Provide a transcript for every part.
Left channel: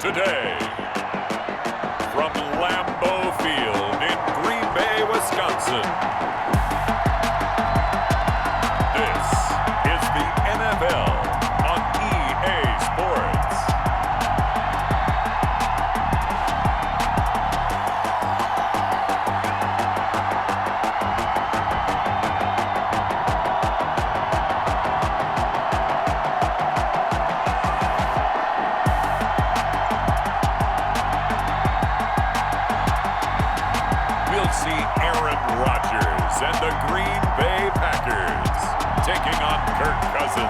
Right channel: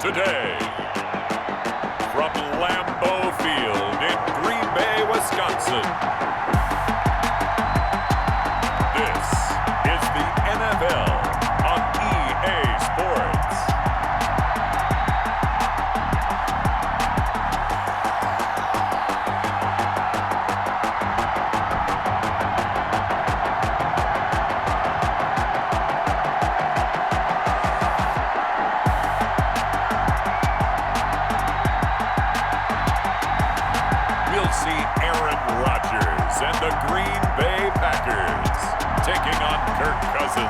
today, from Lambeau Field in Green Bay, Wisconsin, this is the NFL on EA Sports. We'll see Aaron Rodgers and the Green Bay Packers taking on Kirk Cousins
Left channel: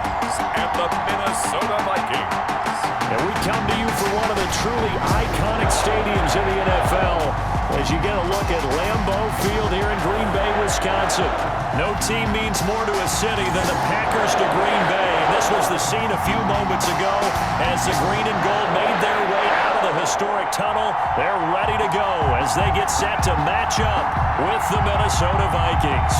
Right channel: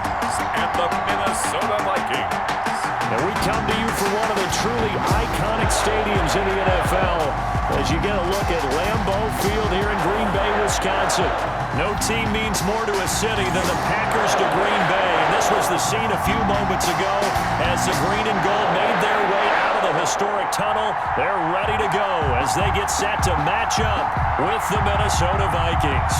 and the Minnesota Vikings. And we come to you from one of the truly iconic stadiums in the NFL as you get a look at Lambeau Field here in Green Bay, Wisconsin. No team means more to a city than the Packers to Green Bay. And this was the scene a few moments ago as the green and gold made their way out of the historic tunnel. They're ready to go as they get set to match up with the Minnesota Vikings.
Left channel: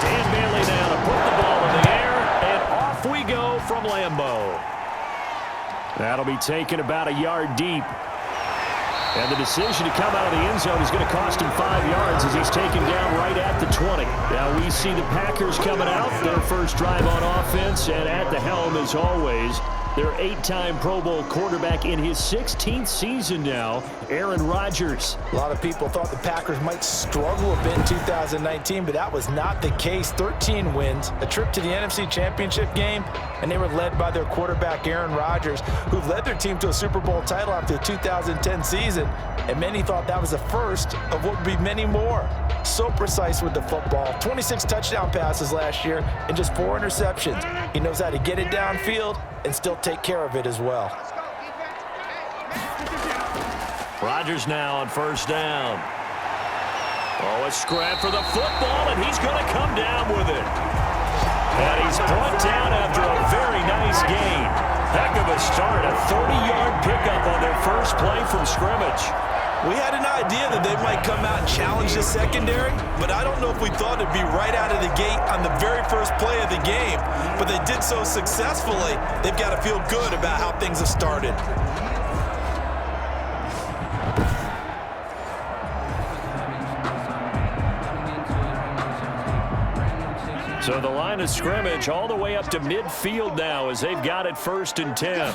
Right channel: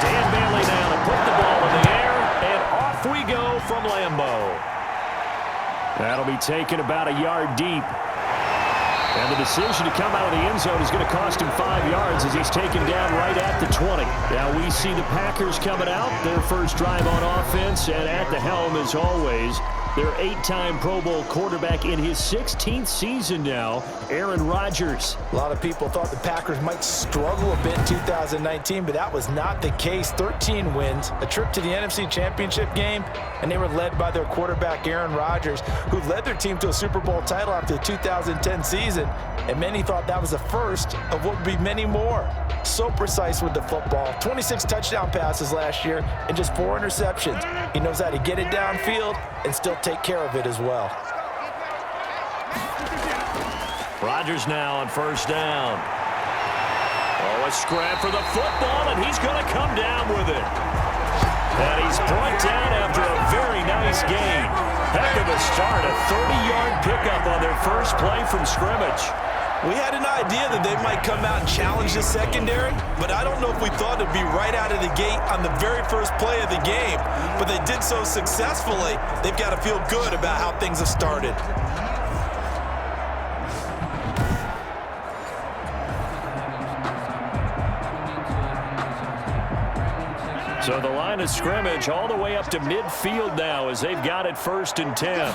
Dan Bailey now to put the ball in the air, and off we go from Lambeau. That'll be taken about a yard deep. And the decision to come out of the end zone is going to cost him 5 yards as he's taken down right at the 20. Now we see the Packers coming out, their first drive on offense, and at the helm as always, their 8-time Pro Bowl quarterback in his 16th season now, Aaron Rodgers. A lot of people thought the Packers might struggle a bit in 2019, but that was not the case. 13 wins, a trip to the NFC Championship game, and they were led by their quarterback, Aaron Rodgers, who led their team to a Super Bowl title after the 2010 season, and many thought that was the first of what would be many more. So precise with the football. 26 touchdown passes last year and just 4 interceptions. He knows how to get it downfield and still take care of it as well. Rodgers now on first down. Oh, a scrap for the football, and he's going to come down with it. And he's brought down after a very nice gain. Heck of a start, a 30-yard pickup on their first play from scrimmage. We had an idea that they might come out and challenge the secondary, but I don't know if we thought it'd be right out of the gate on the very first play of the game. But they did so successfully, they've got to feel good about how things have started. So the line of scrimmage all the way up to midfield now as they've got it 1st and 10.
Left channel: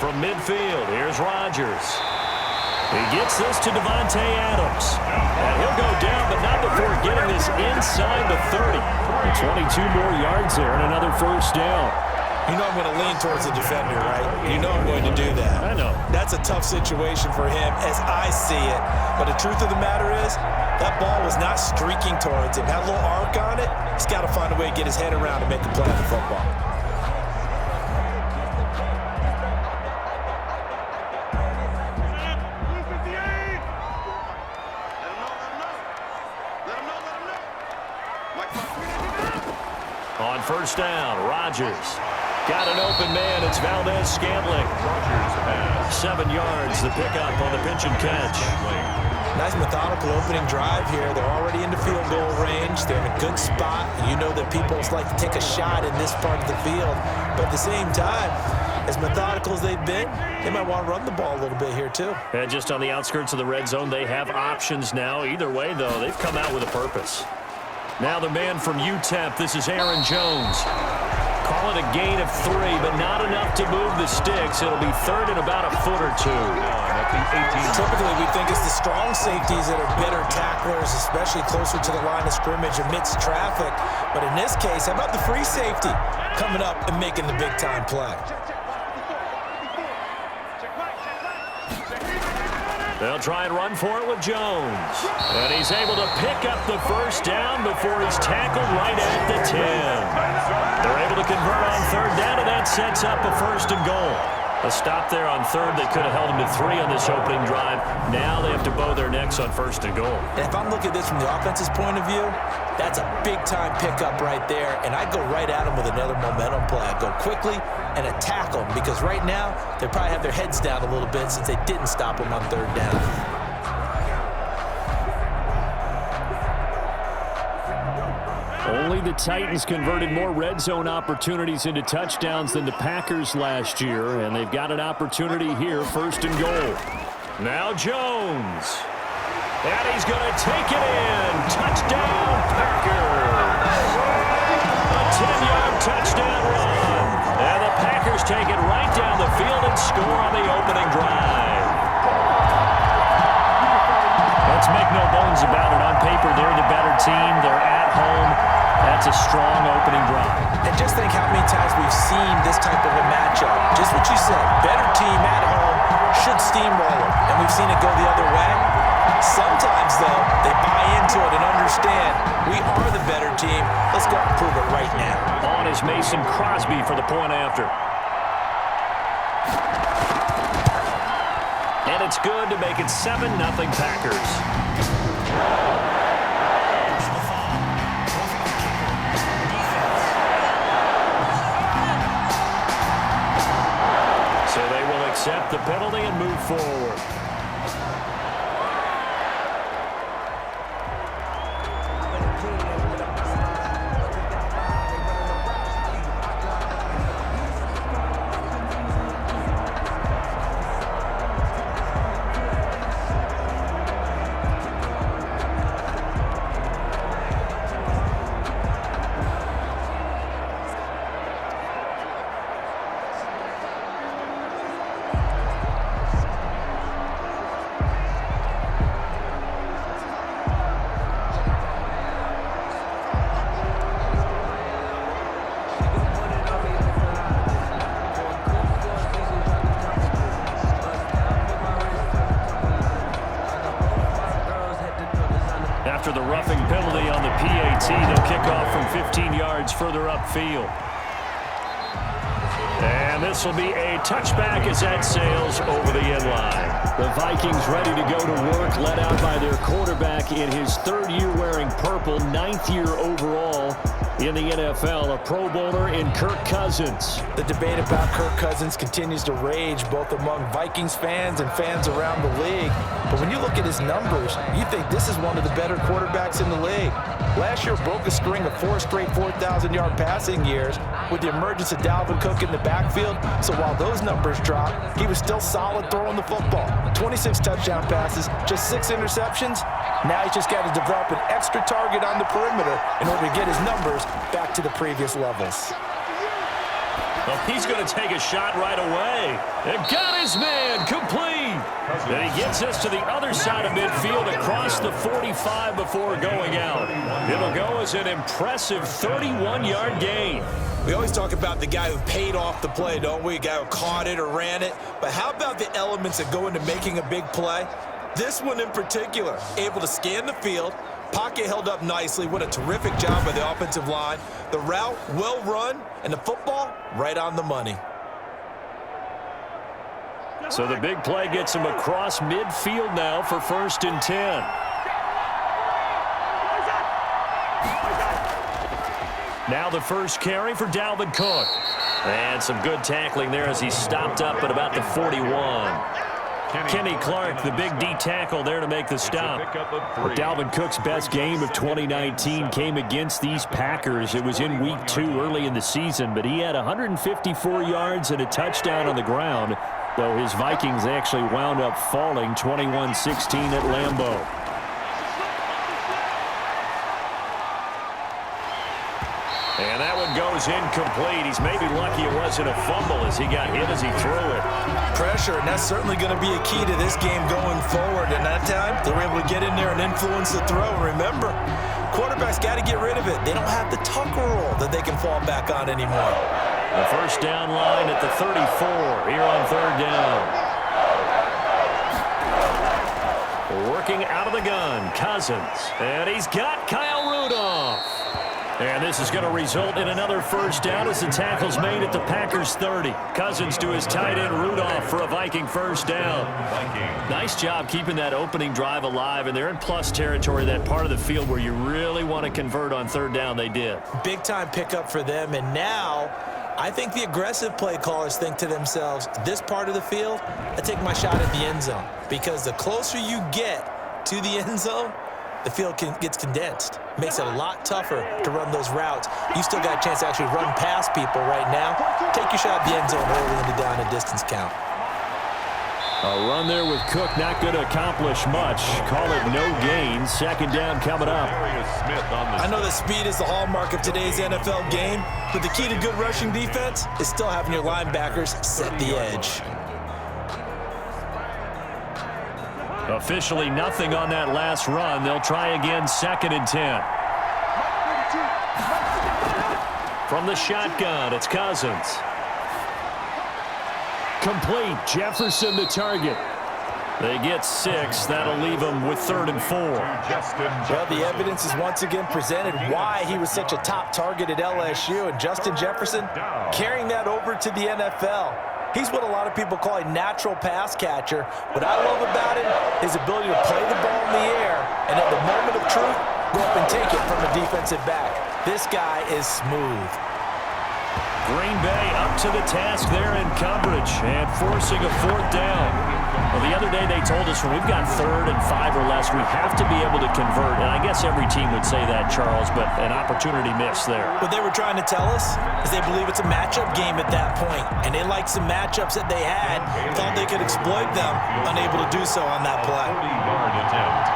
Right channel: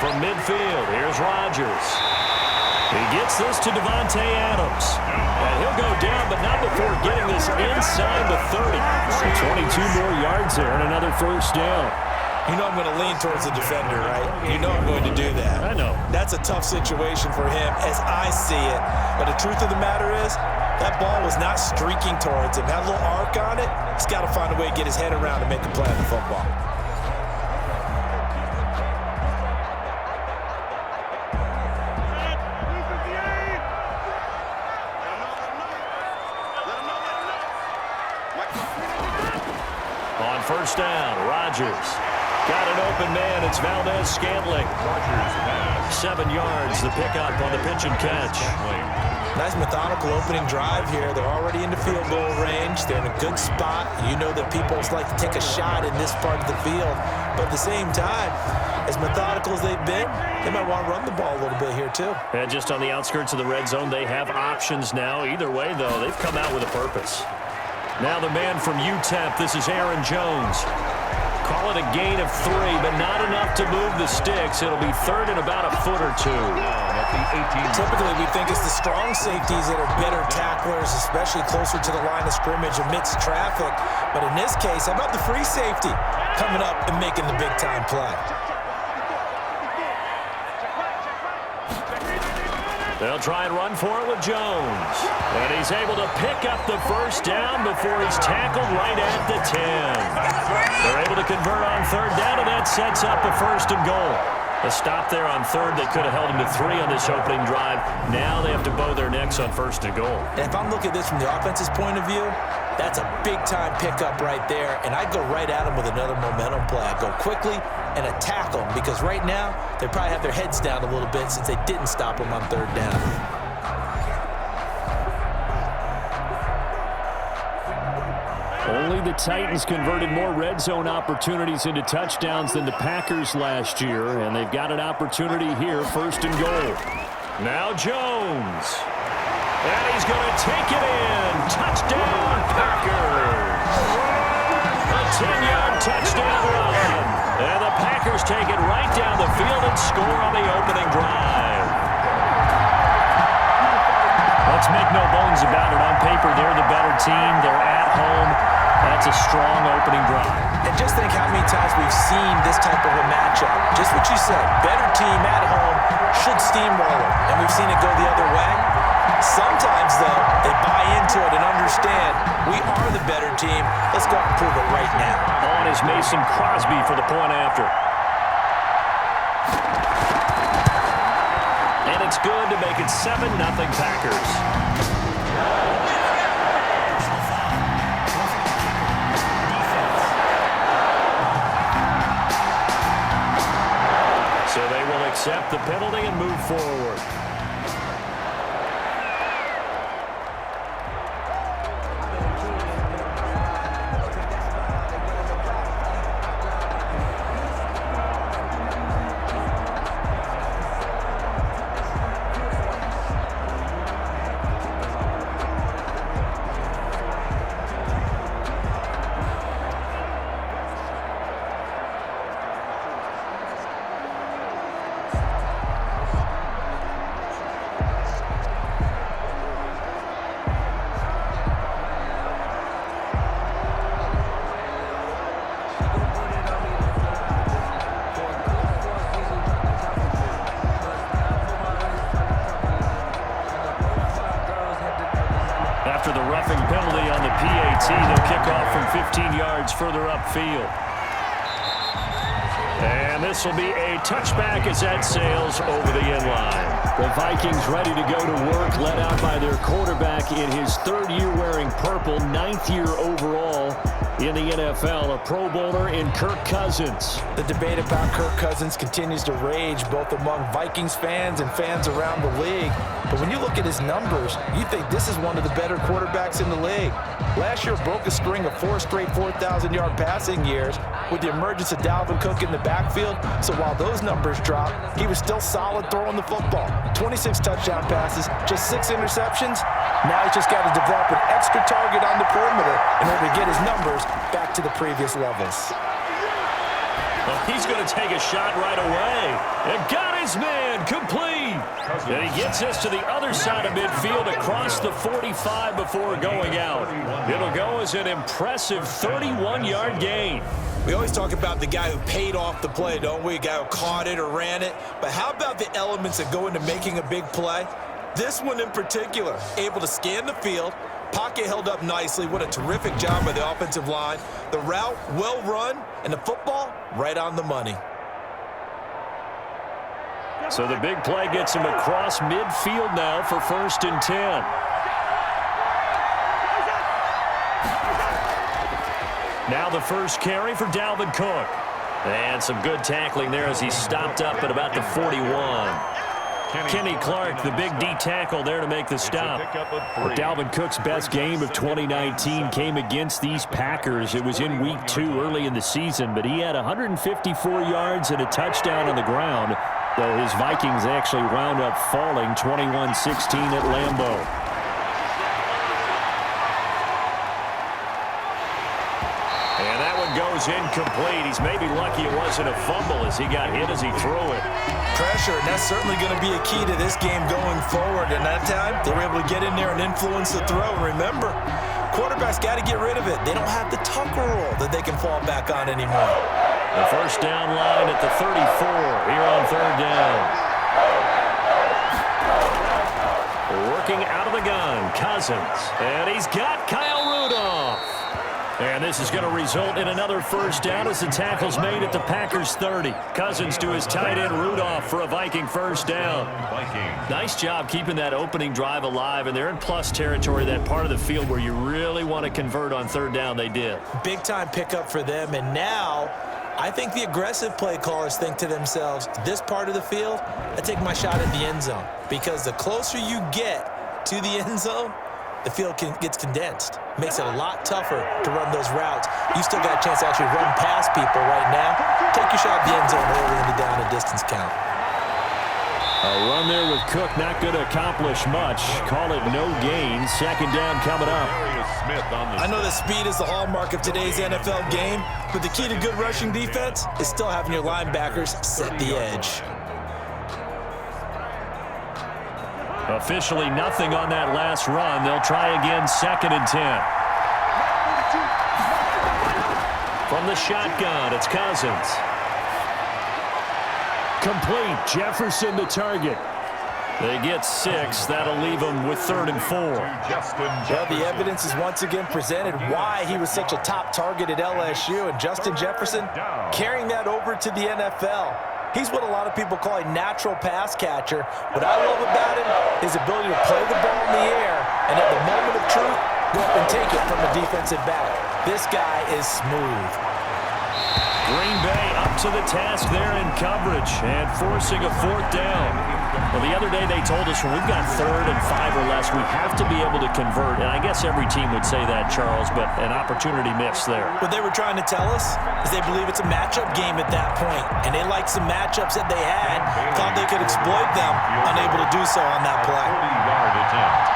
From midfield, here's Rodgers. He gets this to Davante Adams. And he'll go down, but not before getting this inside the 30. So 22 more yards there and another first down. You know I'm going to lean towards the defender, right? You know I'm going to do that. I know. That's a tough situation for him as I see it. But the truth of the matter is, that ball was not streaking towards him. Had a little arc on it. He's got to find a way to get his head around and make a play on the football. On first down, Rodgers. Got an open man. It's Valdez-Scantling. Rodgers has 7 yards, the pickup on the pitch and catch. Nice methodical opening drive here. They're already into field goal range. They're in a good spot. You know that people like to take a shot in this part of the field. But at the same time, as methodical as they've been, they might want to run the ball a little bit here too. And just on the outskirts of the red zone, they have options now. Either way, though, they've come out with a purpose. Now the man from UTEP, this is Aaron Jones. Call it a gain of 3, but not enough to move the sticks. It'll be 3rd and about a foot or 2. Typically, we think it's the strong safeties that are better tacklers, especially closer to the line of scrimmage amidst traffic. But in this case, how about the free safety coming up and making the big-time play? They'll try and run for it with Jones. And he's able to pick up the first down before he's tackled right at the 10. They're able to convert on 3rd down, and that sets up a 1st and goal. A stop there on third. They could have held him to 3 on this opening drive. Now they have to bow their necks on first and goal. And if I'm looking at this from the offense's point of view, that's a big-time pickup right there, and I'd go right at him with another momentum play. I'd go quickly and attack them, because right now they probably have their heads down a little bit since they didn't stop him on third down. Only the Titans converted more red zone opportunities into touchdowns than the Packers last year, and they've got an opportunity here, first and goal. Now Jones. And he's going to take it in. Touchdown, Packers. A 10-yard touchdown run. And the Packers take it right down the field and score on the opening drive. Let's make no bones about it. On paper, they're the better team. They're at home. That's a strong opening drive. And just think how many times we've seen this type of a matchup. Just what you said, better team at home should steamroll them. And we've seen it go the other way. Sometimes, though, they buy into it and understand we are the better team. Let's go out and prove it right now. On is Mason Crosby for the point after. And it's good to make it 7-0 Packers. So they will accept the penalty and move forward. After the roughing penalty on the PAT, they'll kick off from 15 yards further upfield. And this will be a touchback as that sails over the end line. The Vikings ready to go to work, led out by their quarterback in his 3rd year wearing purple, 9th year overall in the NFL, a Pro Bowler in Kirk Cousins. The debate about Kirk Cousins continues to rage both among Vikings fans and fans around the league. But when you look at his numbers, you think this is one of the better quarterbacks in the league. Last year broke a string of 4 straight 4,000-yard passing years with the emergence of Dalvin Cook in the backfield. So while those numbers dropped, he was still solid throwing the football. 26 touchdown passes, just 6 interceptions. Now he's just got to develop an extra target on the perimeter in order to get his numbers back to the previous levels. Well, he's going to take a shot right away. And got his man complete. And he gets us to the other side of midfield across the 45 before going out. It'll go as an impressive 31-yard gain. We always talk about the guy who paid off the play, don't we? A guy who caught it or ran it. But how about the elements that go into making a big play? This one in particular, able to scan the field, pocket held up nicely. What a terrific job by the offensive line. The route, well run, and the football, right on the money. So the big play gets him across midfield now for 1st and 10. Now the first carry for Dalvin Cook. And some good tackling there as he stopped up at about the 41. Kenny Clark, the big D tackle there to make the stop. Well, Dalvin Cook's best game of 2019 came against these Packers. It was in week 2 early in the season, but he had 154 yards and a touchdown on the ground, though his Vikings actually wound up falling 21-16 at Lambeau. And that one goes incomplete. He's maybe lucky it wasn't a fumble as he got hit as he threw it. Pressure, and that's certainly going to be a key to this game going forward. And that time, they were able to get in there and influence the throw. And remember, quarterbacks got to get rid of it. They don't have the Tucker rule that they can fall back on anymore. The first down line at the 34 here on 3rd down. Working out of the gun, Cousins. And he's got Kyle Rudolph. And this is going to result in another first down as the tackle's made at the Packers' 30. Cousins to his tight end Rudolph for a Viking first down. Nice job keeping that opening drive alive, and they're in plus territory, that part of the field where you really want to convert on third down. They did. Big-time pickup for them, and now I think the aggressive play callers think to themselves, this part of the field, I take my shot at the end zone, because the closer you get to the end zone, the field gets condensed. Makes it a lot tougher to run those routes. You still got a chance to actually run past people right now. Take your shot at the end zone early in the down and distance count. A run there with Cook, not going to accomplish much. Call it no gain. Second down coming up. I know that speed is the hallmark of today's NFL game, but the key to good rushing defense is still having your linebackers set the edge. Officially nothing on that last run. They'll try again, 2nd and 10. From the shotgun, it's Cousins. Complete. Jefferson the target. They get 6. That'll leave them with 3rd and 4. Well, the evidence is once again presented why he was such a top target at LSU, and Justin Jefferson carrying that over to the NFL. He's what a lot of people call a natural pass catcher. What I love about him is his ability to play the ball in the air and at the moment of truth, go up and take it from a defensive back. This guy is smooth. Green Bay up to the task there in coverage and forcing a 4th down. Well, the other day they told us when we've got 3rd and 5 or less, we have to be able to convert. And I guess every team would say that, Charles, but an opportunity missed there. What they were trying to tell us is they believe it's a matchup game at that point. And they liked some matchups that they had, thought they could exploit them, unable to do so on that play. 40-yard attempt.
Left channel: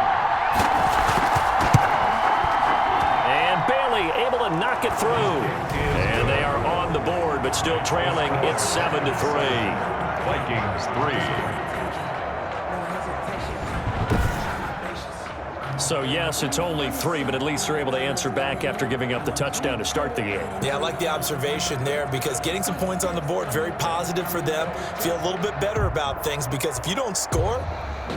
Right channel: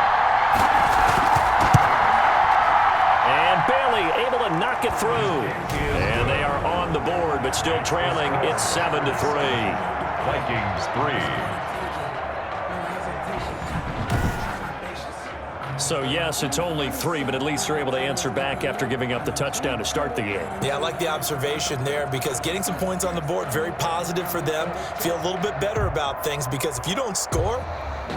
And Bailey able to knock it through. And they are on the board, but still trailing. It's 7-3. Vikings 3. So, yes, it's only 3, but at least they're able to answer back after giving up the touchdown to start the game. Yeah, I like the observation there because getting some points on the board, very positive for them. Feel a little bit better about things because if you don't score,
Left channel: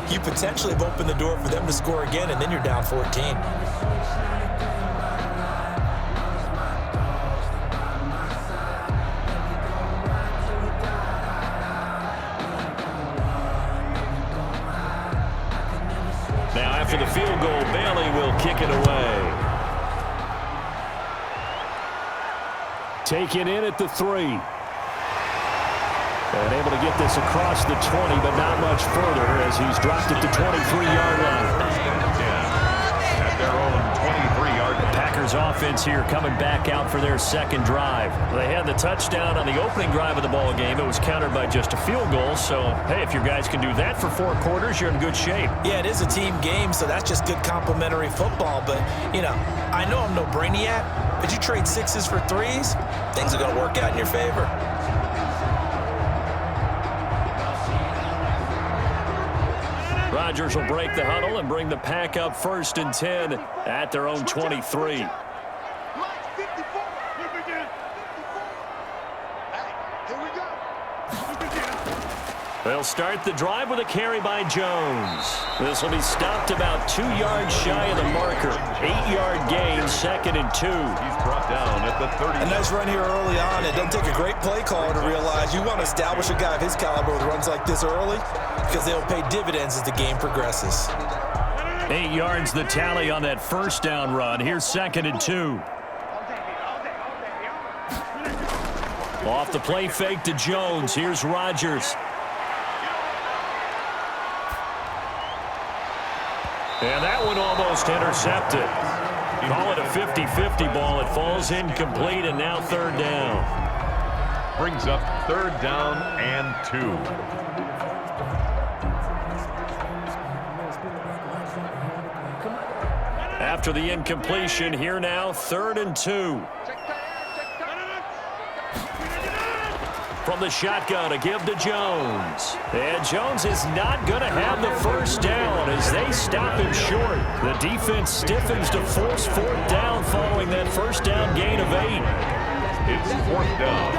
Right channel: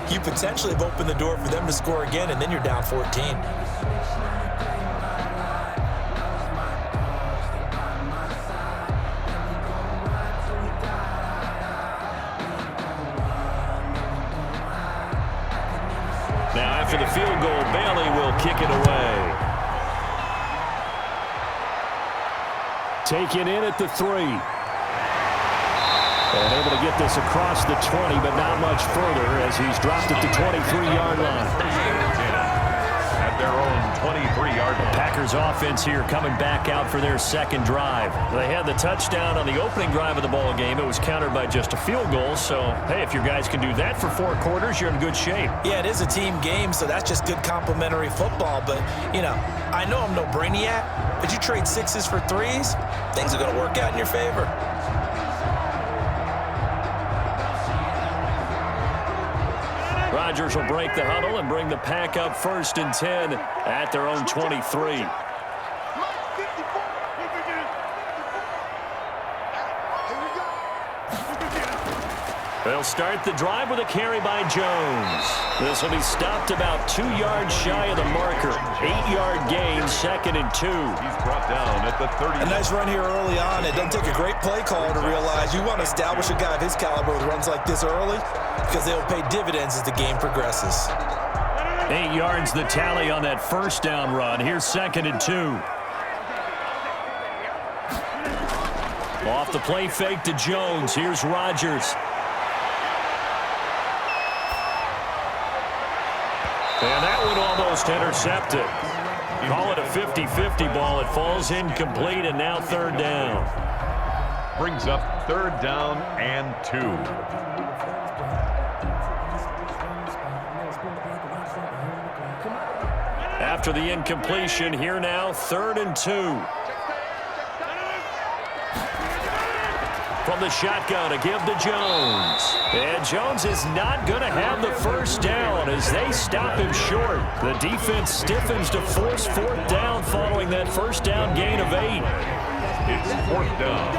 you potentially have opened the door for them to score again, and then you're down 14. Now, after the field goal, Bailey will kick it away. Taken in at the 3. And able to get this across the 20, but not much further as he's dropped at the 23-yard line. At their own 23-yard line. Packers offense here coming back out for their second drive. They had the touchdown on the opening drive of the ball game. It was countered by just a field goal. So, hey, if your guys can do that for 4 quarters, you're in good shape. Yeah, it is a team game, so that's just good complementary football. But, you know, I know I'm no brainiac, but you trade 6s for 3s, things are going to work out in your favor. Rodgers will break the huddle and bring the pack up 1st and 10 at their own 23. They'll start the drive with a carry by Jones. This will be stopped about 2 yards shy of the marker. 8-yard gain, 2nd and 2. He's brought down at the 30. A nice run here early on. It doesn't take a great play caller to realize you want to establish a guy of his caliber with runs like this early because they will pay dividends as the game progresses. 8 yards the tally on that first down run. Here's 2nd and 2. Off the play fake to Jones. Here's Rodgers. And that one almost intercepted. Call it a 50-50 ball. It falls incomplete, and now 3rd down. Brings up 3rd down and 2. After the incompletion, here now, 3rd and 2. From the shotgun to give to Jones. And Jones is not going to have the first down as they stop him short. The defense stiffens to force 4th down following that first down gain of 8. It's 4th down.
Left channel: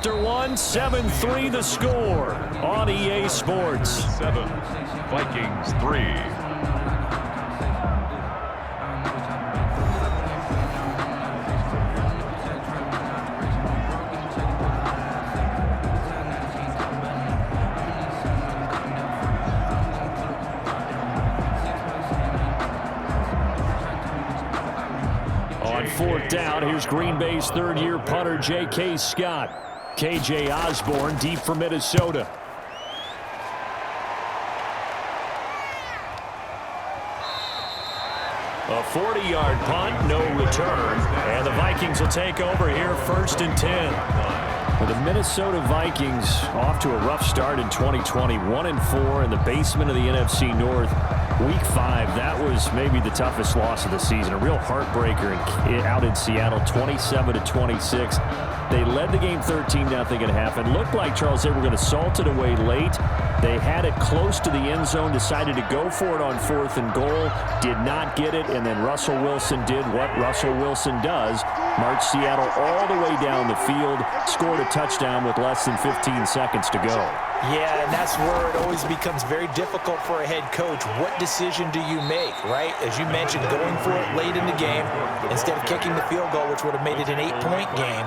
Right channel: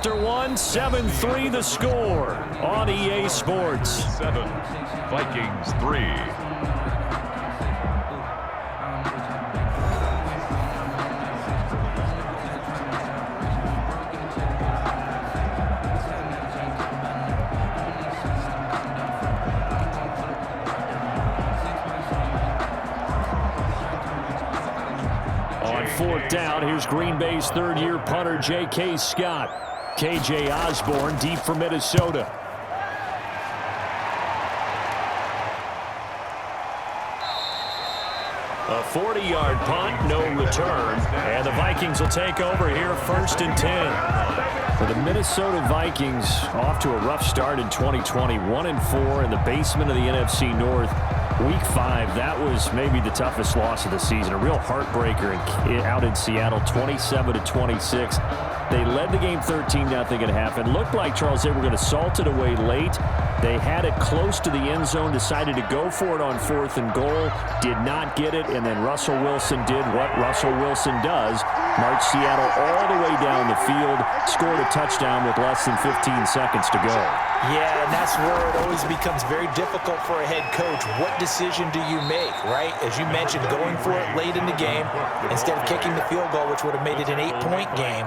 after one. 7-3 the score on EA Sports. 7, Vikings 3. On fourth down, here's Green Bay's third-year punter, J.K. Scott. K.J. Osborne deep for Minnesota. A 40-yard punt, no return. And the Vikings will take over here, 1st and 10. For the Minnesota Vikings, off to a rough start in 2020. 1-4 in the basement of the NFC North. Week 5, that was maybe the toughest loss of the season. A real heartbreaker out in Seattle, 27-26. They led the game 13-0 at half. It looked like, Charles, they were going to salt it away late. They had it close to the end zone, decided to go for it on 4th and goal, did not get it, and then Russell Wilson did what Russell Wilson does, marched Seattle all the way down the field, scored a touchdown with less than 15 seconds to go. Yeah, and that's where it always becomes very difficult for a head coach. What decision do you make, right? As you mentioned, going for it late in the game instead of kicking the field goal, which would have made it an 8-point game,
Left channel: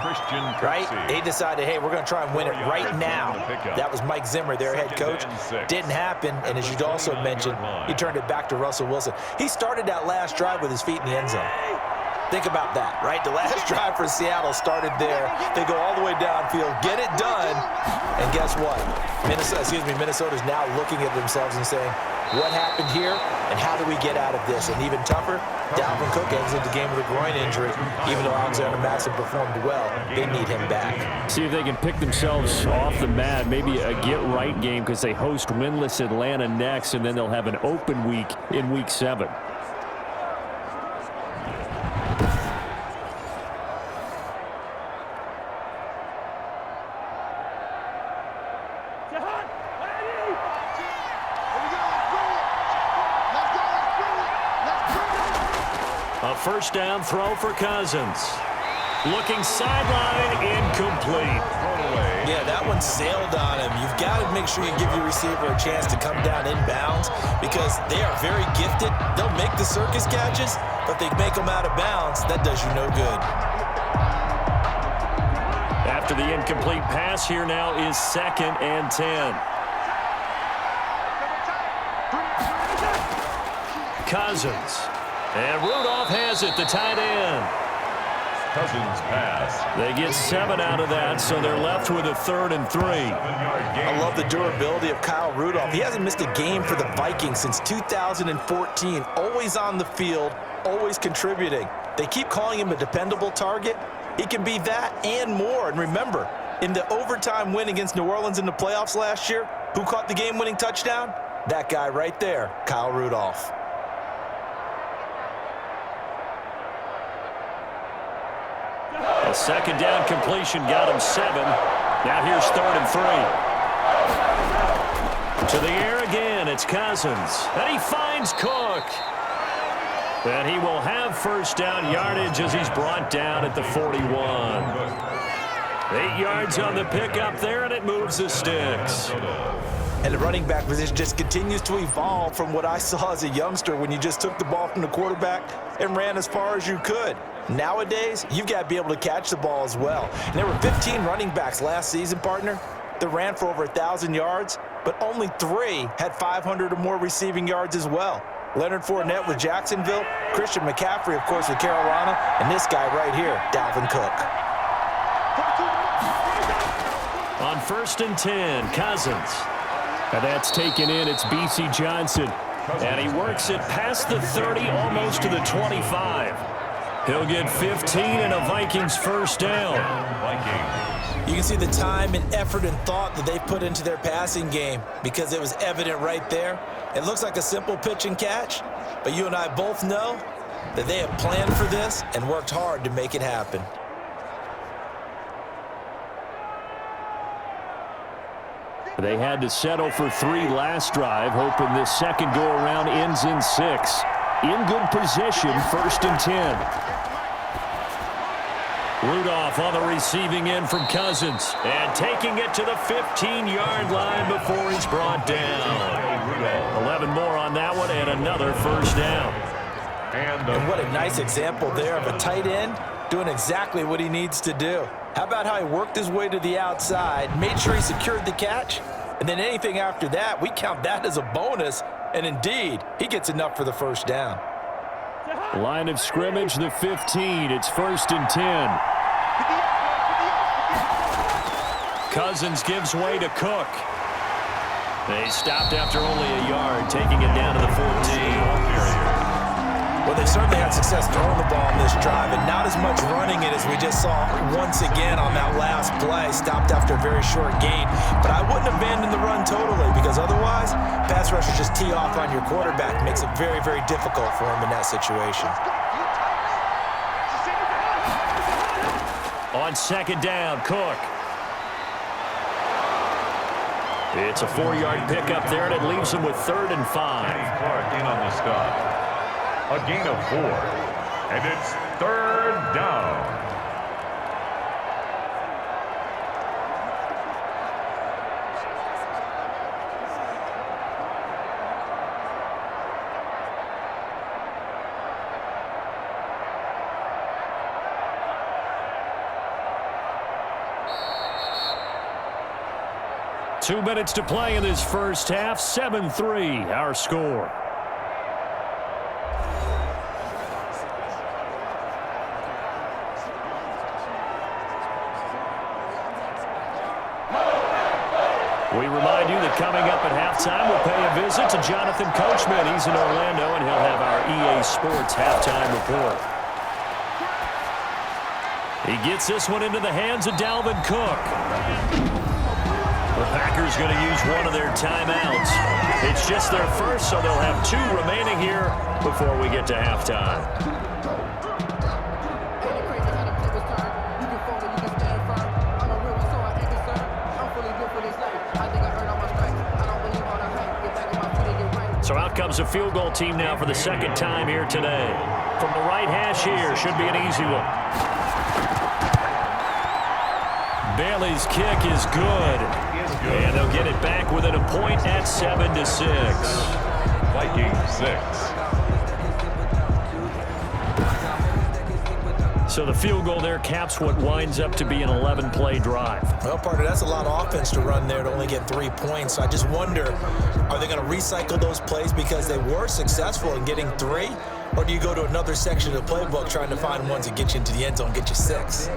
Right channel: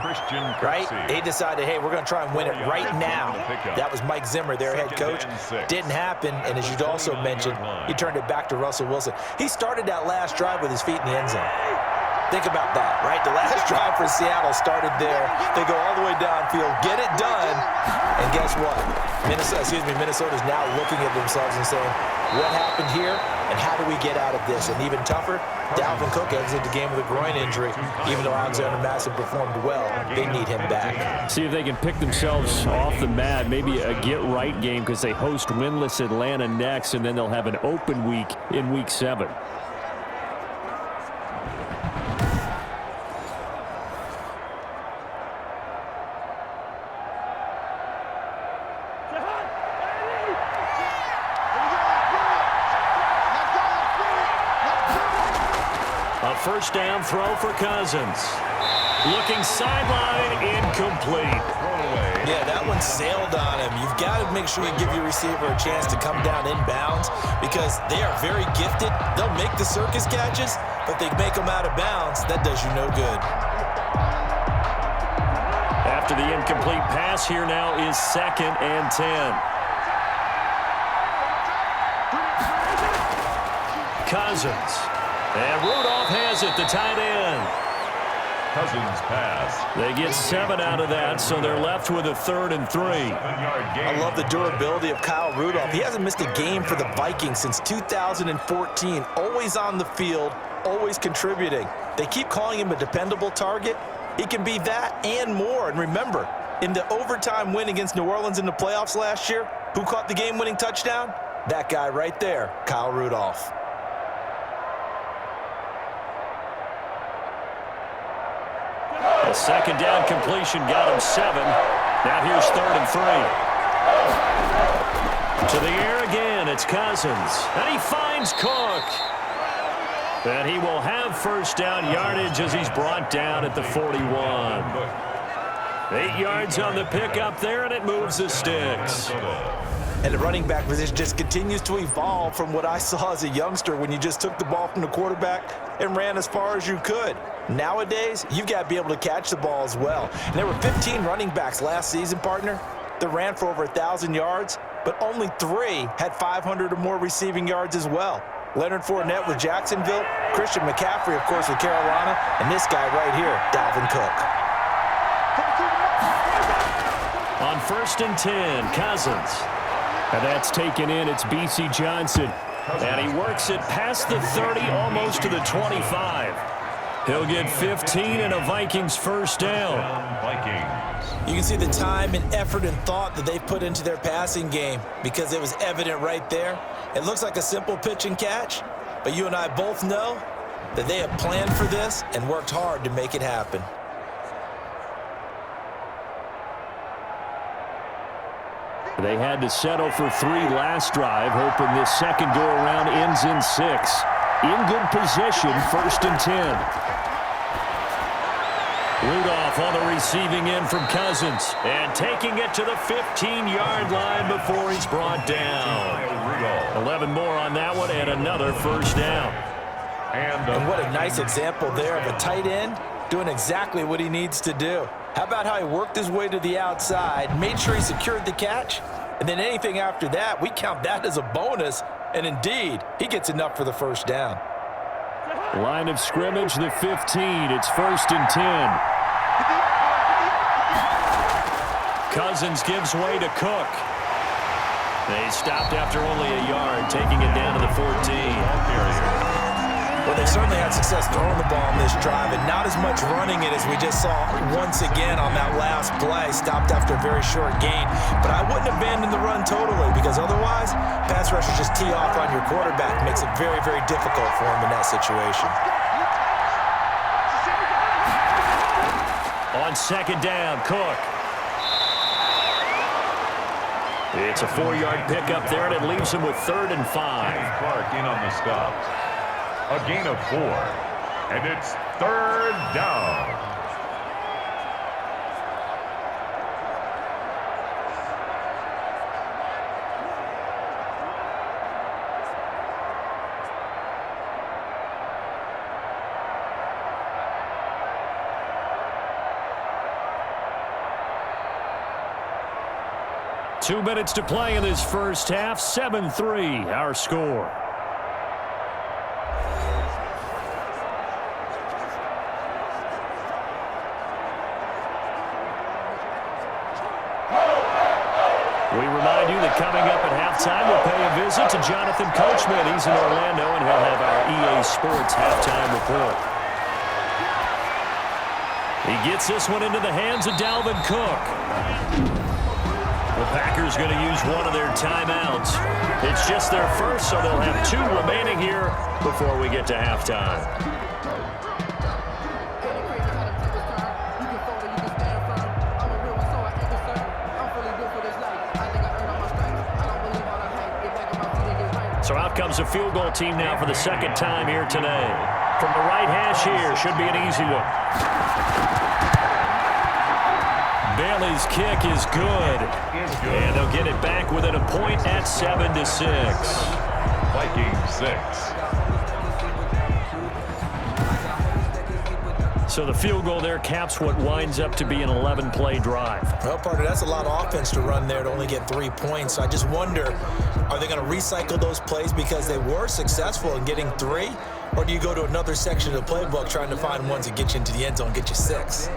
right? They decided, hey, we're going to try and win it right now. That was Mike Zimmer, their head coach. Didn't happen, and as you also mentioned, he turned it back to Russell Wilson. He started that last drive with his feet in the end zone. Think about that, right? The last drive for Seattle started there. They go all the way downfield, get it done, and guess what? Minnesota's now looking at themselves and saying, what happened here, and how do we get out of this? And even tougher, Dalvin Cook exited the game with a groin injury. Even though Alexander Mattison performed well, they need him back. See if they can pick themselves off the mat, maybe a get-right game because they host winless Atlanta next, and then they'll have an open week in Week 7. A first down throw for Cousins. Looking sideline, incomplete. Yeah, that one sailed on him. You've got to make sure you give your receiver a chance to come down inbounds because they are very gifted. They'll make the circus catches, but they make them out of bounds. That does you no good. After the incomplete pass, here now is 2nd and 10. Cousins. And Rudolph has it, the tight end. Cousins pass. They get 7 out of that, so they're left with a 3rd and 3. I love the durability of Kyle Rudolph. He hasn't missed a game for the Vikings since 2014. Always on the field, always contributing. They keep calling him a dependable target. He can be that and more. And remember, in the overtime win against New Orleans in the playoffs last year, who caught the game-winning touchdown? That guy right there, Kyle Rudolph. A second down completion got him 7. Now here's 3rd and 3. To the air again, it's Cousins. And he finds Cook. And he will have first down yardage as he's brought down at the 41. 8 yards on the pickup there, and it moves the sticks. And the running back position just continues to evolve from what I saw as a youngster when you just took the ball from the quarterback and ran as far as you could. Nowadays, you've got to be able to catch the ball as well. And there were 15 running backs last season, partner, that ran for over 1,000 yards, but only 3 had 500 or more receiving yards as well. Leonard Fournette with Jacksonville, Christian McCaffrey, of course, with Carolina, and this guy right here, Dalvin Cook. On 1st and 10, Cousins. And that's taken in. It's B.C. Johnson. And he works it past the 30, almost to the 25. He'll get 15 and a Vikings first down. You can see the time and effort and thought that they've put into their passing game because it was evident right there. It looks like a simple pitch and catch, but you and I both know that they have planned for this and worked hard to make it happen. They had to settle for 3 last drive, hoping this second go-around ends in 6. In good position, 1st and 10. Rudolph on the receiving end from Cousins. And taking it to the 15-yard line before he's brought down. 11 more on that one and another first down. And what a nice example there of a tight end doing exactly what he needs to do. How about how he worked his way to the outside, made sure he secured the catch, and then anything after that, we count that as a bonus. And indeed, he gets enough for the first down. Line of scrimmage, the 15. It's 1st and 10. Cousins gives way to Cook. They stopped after only a yard, taking it down to the 14. Well, they certainly had success throwing the ball on this drive, and not as much running it as we just saw once again on that last play. Stopped after a very short gain. But I wouldn't abandon the run totally, because otherwise, pass rushers just tee off on your quarterback. Makes it very, very difficult for him in that situation. On 2nd down, Cook. It's a 4-yard pickup there, and it leaves him with 3rd and 5. Clark in on the stop. A gain of 4. And it's 3rd down. Two minutes to play in this first half. 7-3, our score. We remind you that coming up at halftime, we'll pay a visit to Jonathan Coachman. He's in Orlando, and he'll have our EA Sports halftime report. He gets this one into the hands of Dalvin Cook. The Packers going to use one of their timeouts. It's just their first, so they'll have 2 remaining here before we get to halftime. So out comes a field goal team now for the 2nd time here today. From the right hash here, should be an easy one. Bailey's kick is good. And they'll get it back within a point at 7-6. Vikings 6. So the field goal there caps what winds up to be an 11-play drive. Well, partner, that's a lot of offense to run there to only get 3 points. So I just wonder, are they going to recycle those plays because they were successful in getting 3? Or do you go to another section of the playbook trying to find ones that get you into the end zone and get you 6?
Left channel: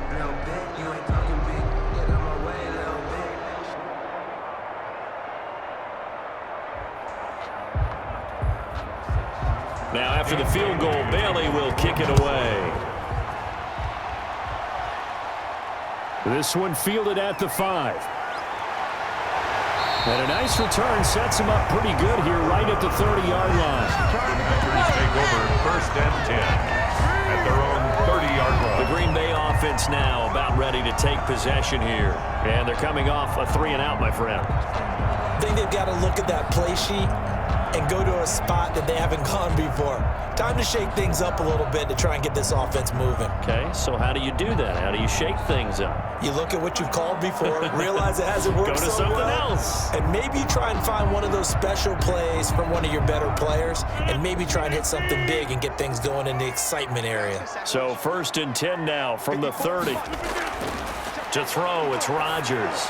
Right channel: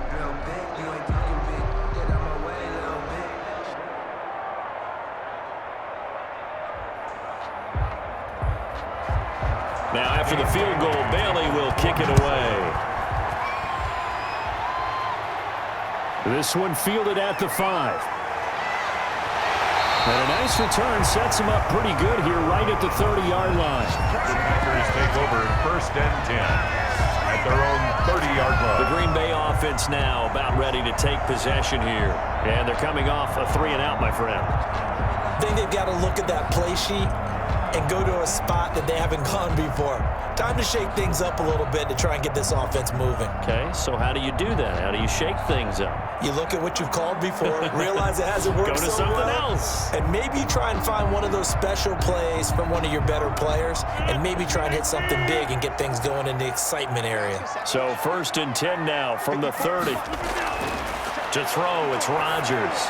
Now after the field goal, Bailey will kick it away. This one fielded at the 5. And a nice return sets him up pretty good here right at the 30-yard line. The Packers take over 1st and 10 at their own 30-yard line. The Green Bay offense now about ready to take possession here. And they're coming off a 3-and-out, my friend. I think they've got to look at that play sheet and go to a spot that they haven't gone before. Time to shake things up a little bit to try and get this offense moving. Okay, so how do you do that? How do you shake things up? You look at what you've called before, realize it hasn't worked Go to so something well, else. and maybe try and find one of those special plays from one of your better players, and maybe try and hit something big and get things going in the excitement area. So 1st and 10 now from the 30. To throw, it's Rodgers.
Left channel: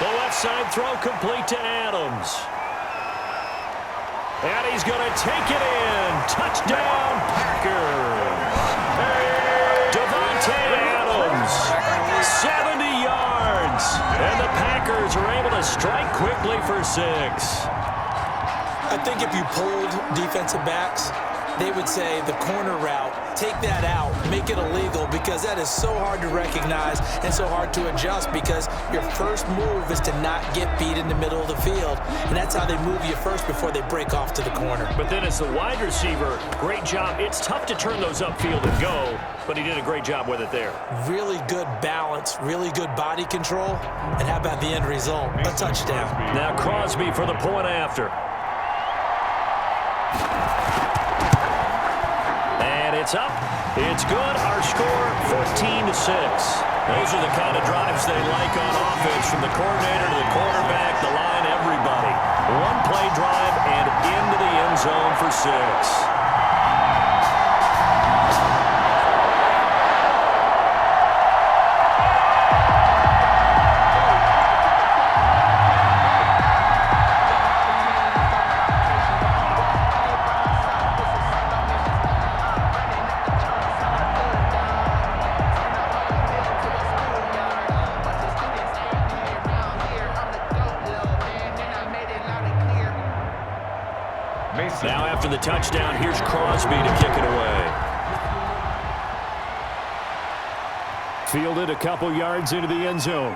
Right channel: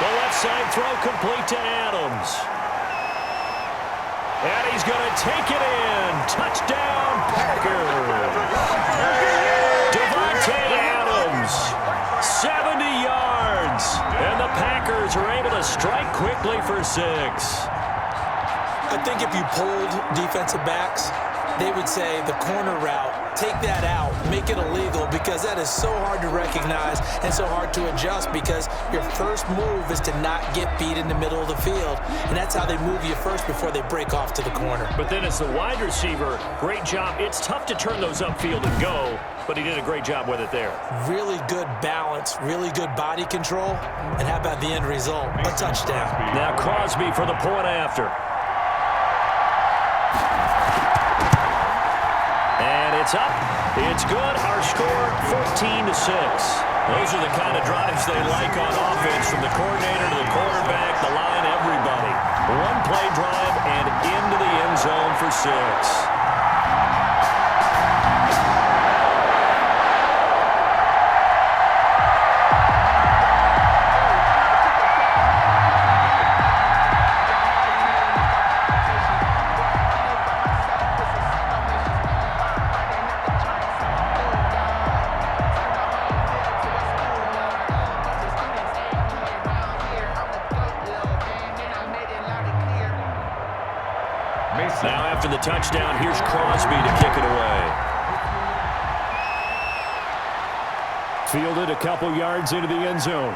The left side throw complete to Adams. And he's going to take it in. Touchdown, Packers. Devontae Adams, 70 yards. And the Packers are able to strike quickly for 6. I think if you pulled defensive backs, they would say the corner route, take that out, make it illegal, because that is so hard to recognize and so hard to adjust, because your first move is to not get beat in the middle of the field, and that's how they move you first before they break off to the corner. But then as the wide receiver, great job. It's tough to turn those upfield and go, but he did a great job with it there. Really good balance, really good body control, and how about the end result? A touchdown. Now Crosby for the point after. And It's up. It's good. Our score, 14-6. Those are the kind of drives they like on offense, from the coordinator to the quarterback, the line, everybody. One play drive and into the end zone for 6. Now after the touchdown, here's Crosby to kick it away. Fielded a couple yards into the end zone.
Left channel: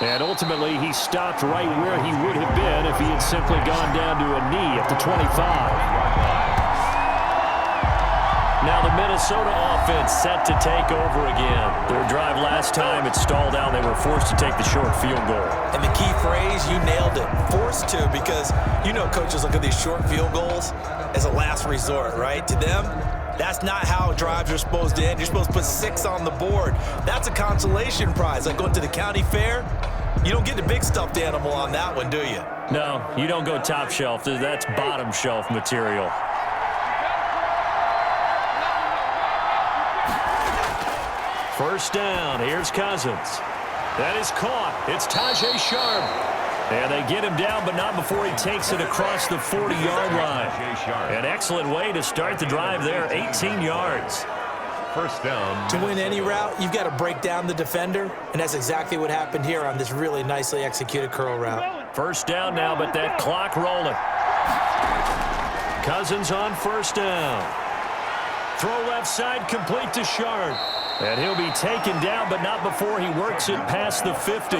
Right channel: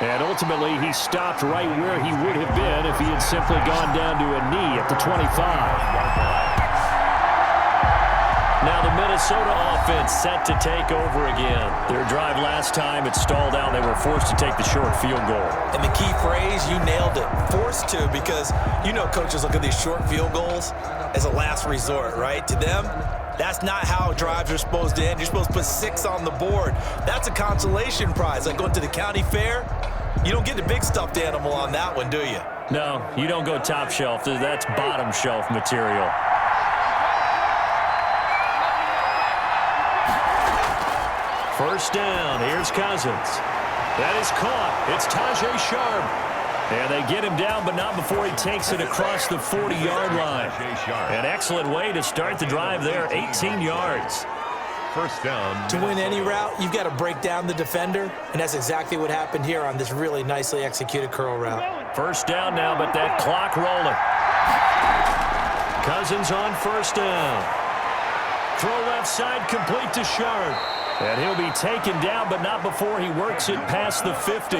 And ultimately, he stopped right where he would have been if he had simply gone down to a knee at the 25. Now the Minnesota offense set to take over again. Their drive last time, it stalled out. They were forced to take the short field goal. And the key phrase, you nailed it, forced to, because you know coaches look at these short field goals as a last resort, right? To them, that's not how drives are supposed to end. You're supposed to put 6 on the board. That's a consolation prize. Like going to the county fair, you don't get the big stuffed animal on that one, do you? No, you don't go top shelf. That's bottom shelf material. First down, here's Cousins. That is caught. It's Tajay Sharp. And they get him down, but not before he takes it across the 40-yard line. An excellent way to start the drive there, 18 yards. First down. To win any route, you've got to break down the defender, and that's exactly what happened here on this really nicely executed curl route. First down now, but that clock rolling. Cousins on first down. Throw left side, complete to Sharp. And he'll be taken down, but not before he works it past the 50.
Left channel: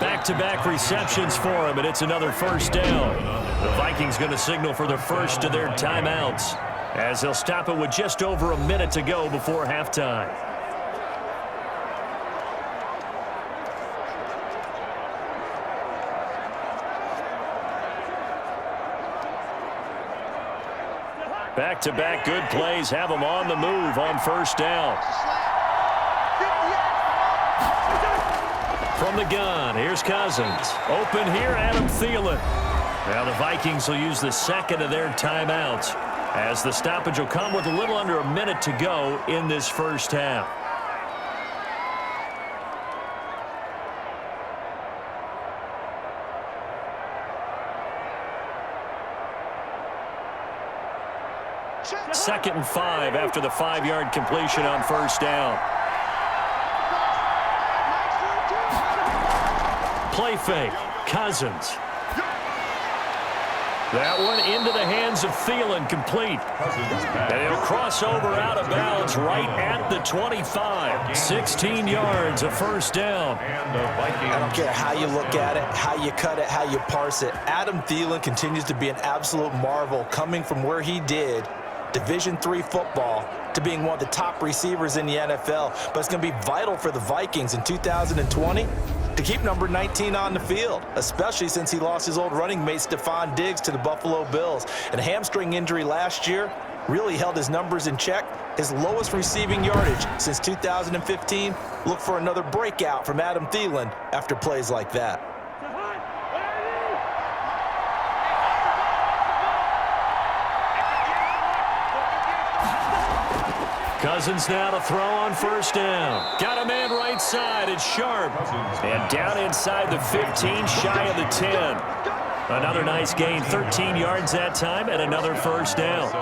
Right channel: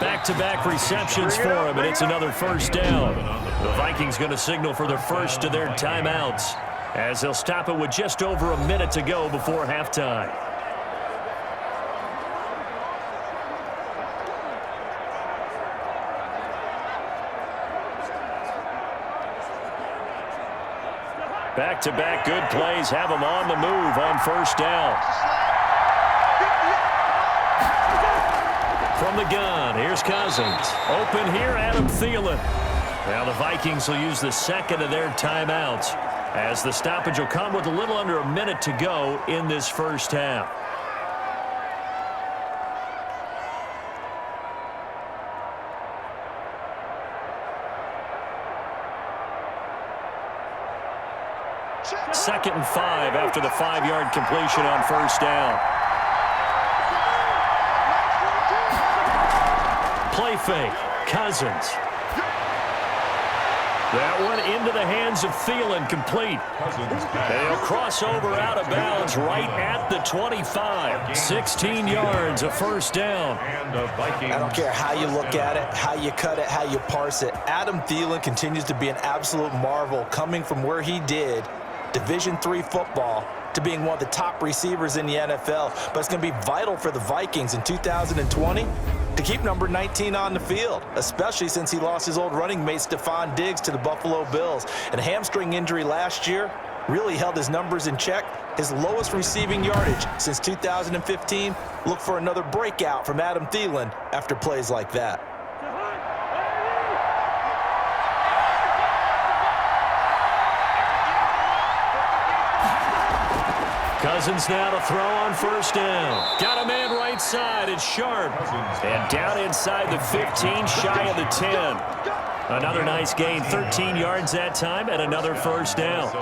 Back-to-back receptions for him, and it's another first down. The Vikings going to signal for the first of their timeouts, as they'll stop it with just over a minute to go before halftime. Back-to-back good plays have them on the move on first down. From the gun, here's Cousins. Open here, Adam Thielen. Now the Vikings will use the second of their timeouts, as the stoppage will come with a little under a minute to go in this first half. Second and 5 after the 5-yard completion on first down. Play fake. Cousins. That one into the hands of Thielen, complete. And he'll cross over out of bounds right at the 25. 16 yards, a first down. I don't care how you look at it, how you cut it, how you parse it. Adam Thielen continues to be an absolute marvel, coming from where he did, Division III football, to being one of the top receivers in the NFL. But it's going to be vital for the Vikings in 2020 to keep number 19 on the field, especially since he lost his old running mate Stephon Diggs to the Buffalo Bills. And a hamstring injury last year really held his numbers in check. His lowest receiving yardage since 2015. Look for another breakout from Adam Thielen after plays like that. Cousins now to throw on first down. Got a man right side. It's Sharp. And down inside the 15, shy of the 10. Another nice gain, 13 yards that time, and another first down.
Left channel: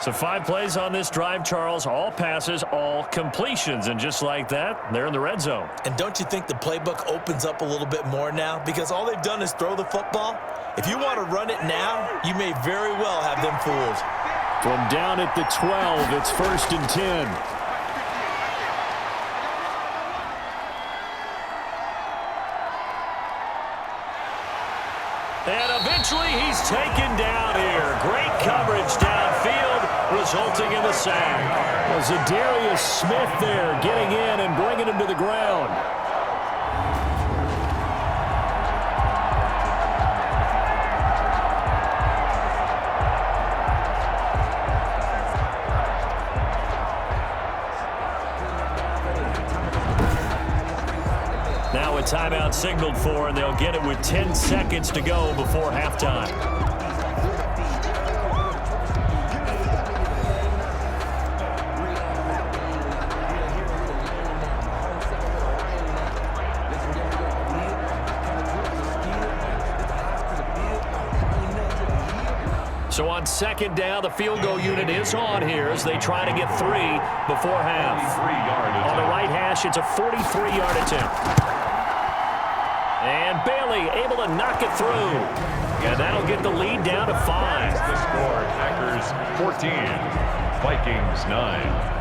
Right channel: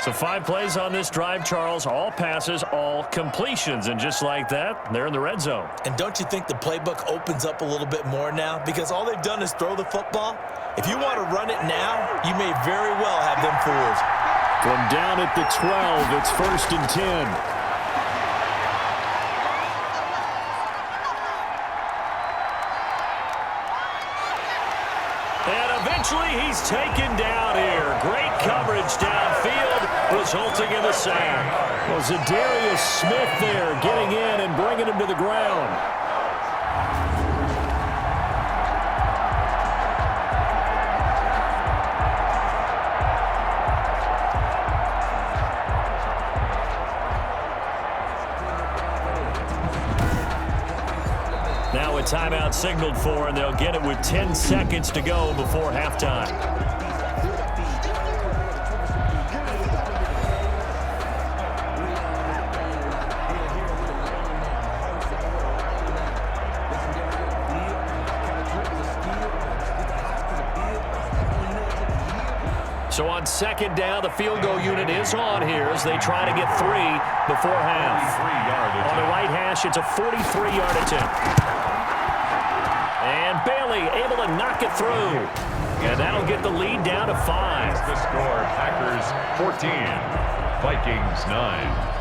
So 5 plays on this drive, Charles. All passes, all completions. And just like that, they're in the red zone. And don't you think the playbook opens up a little bit more now? Because all they've done is throw the football. If you want to run it now, you may very well have them fooled. From down at the 12, it's first and 10. And eventually he's taken down here. Great coverage downfield, resulting in the sack. Well, Zadarius Smith there getting in and bringing him to the ground. a timeout signaled for, and they'll get it with 10 seconds to go before halftime. So on second down, the field goal unit is on here as they try to get 3 before half. On the right hash, it's a 43-yard attempt. And Bailey able to knock it through. And that'll get the lead down to 5. The score, Packers 14, Vikings 9.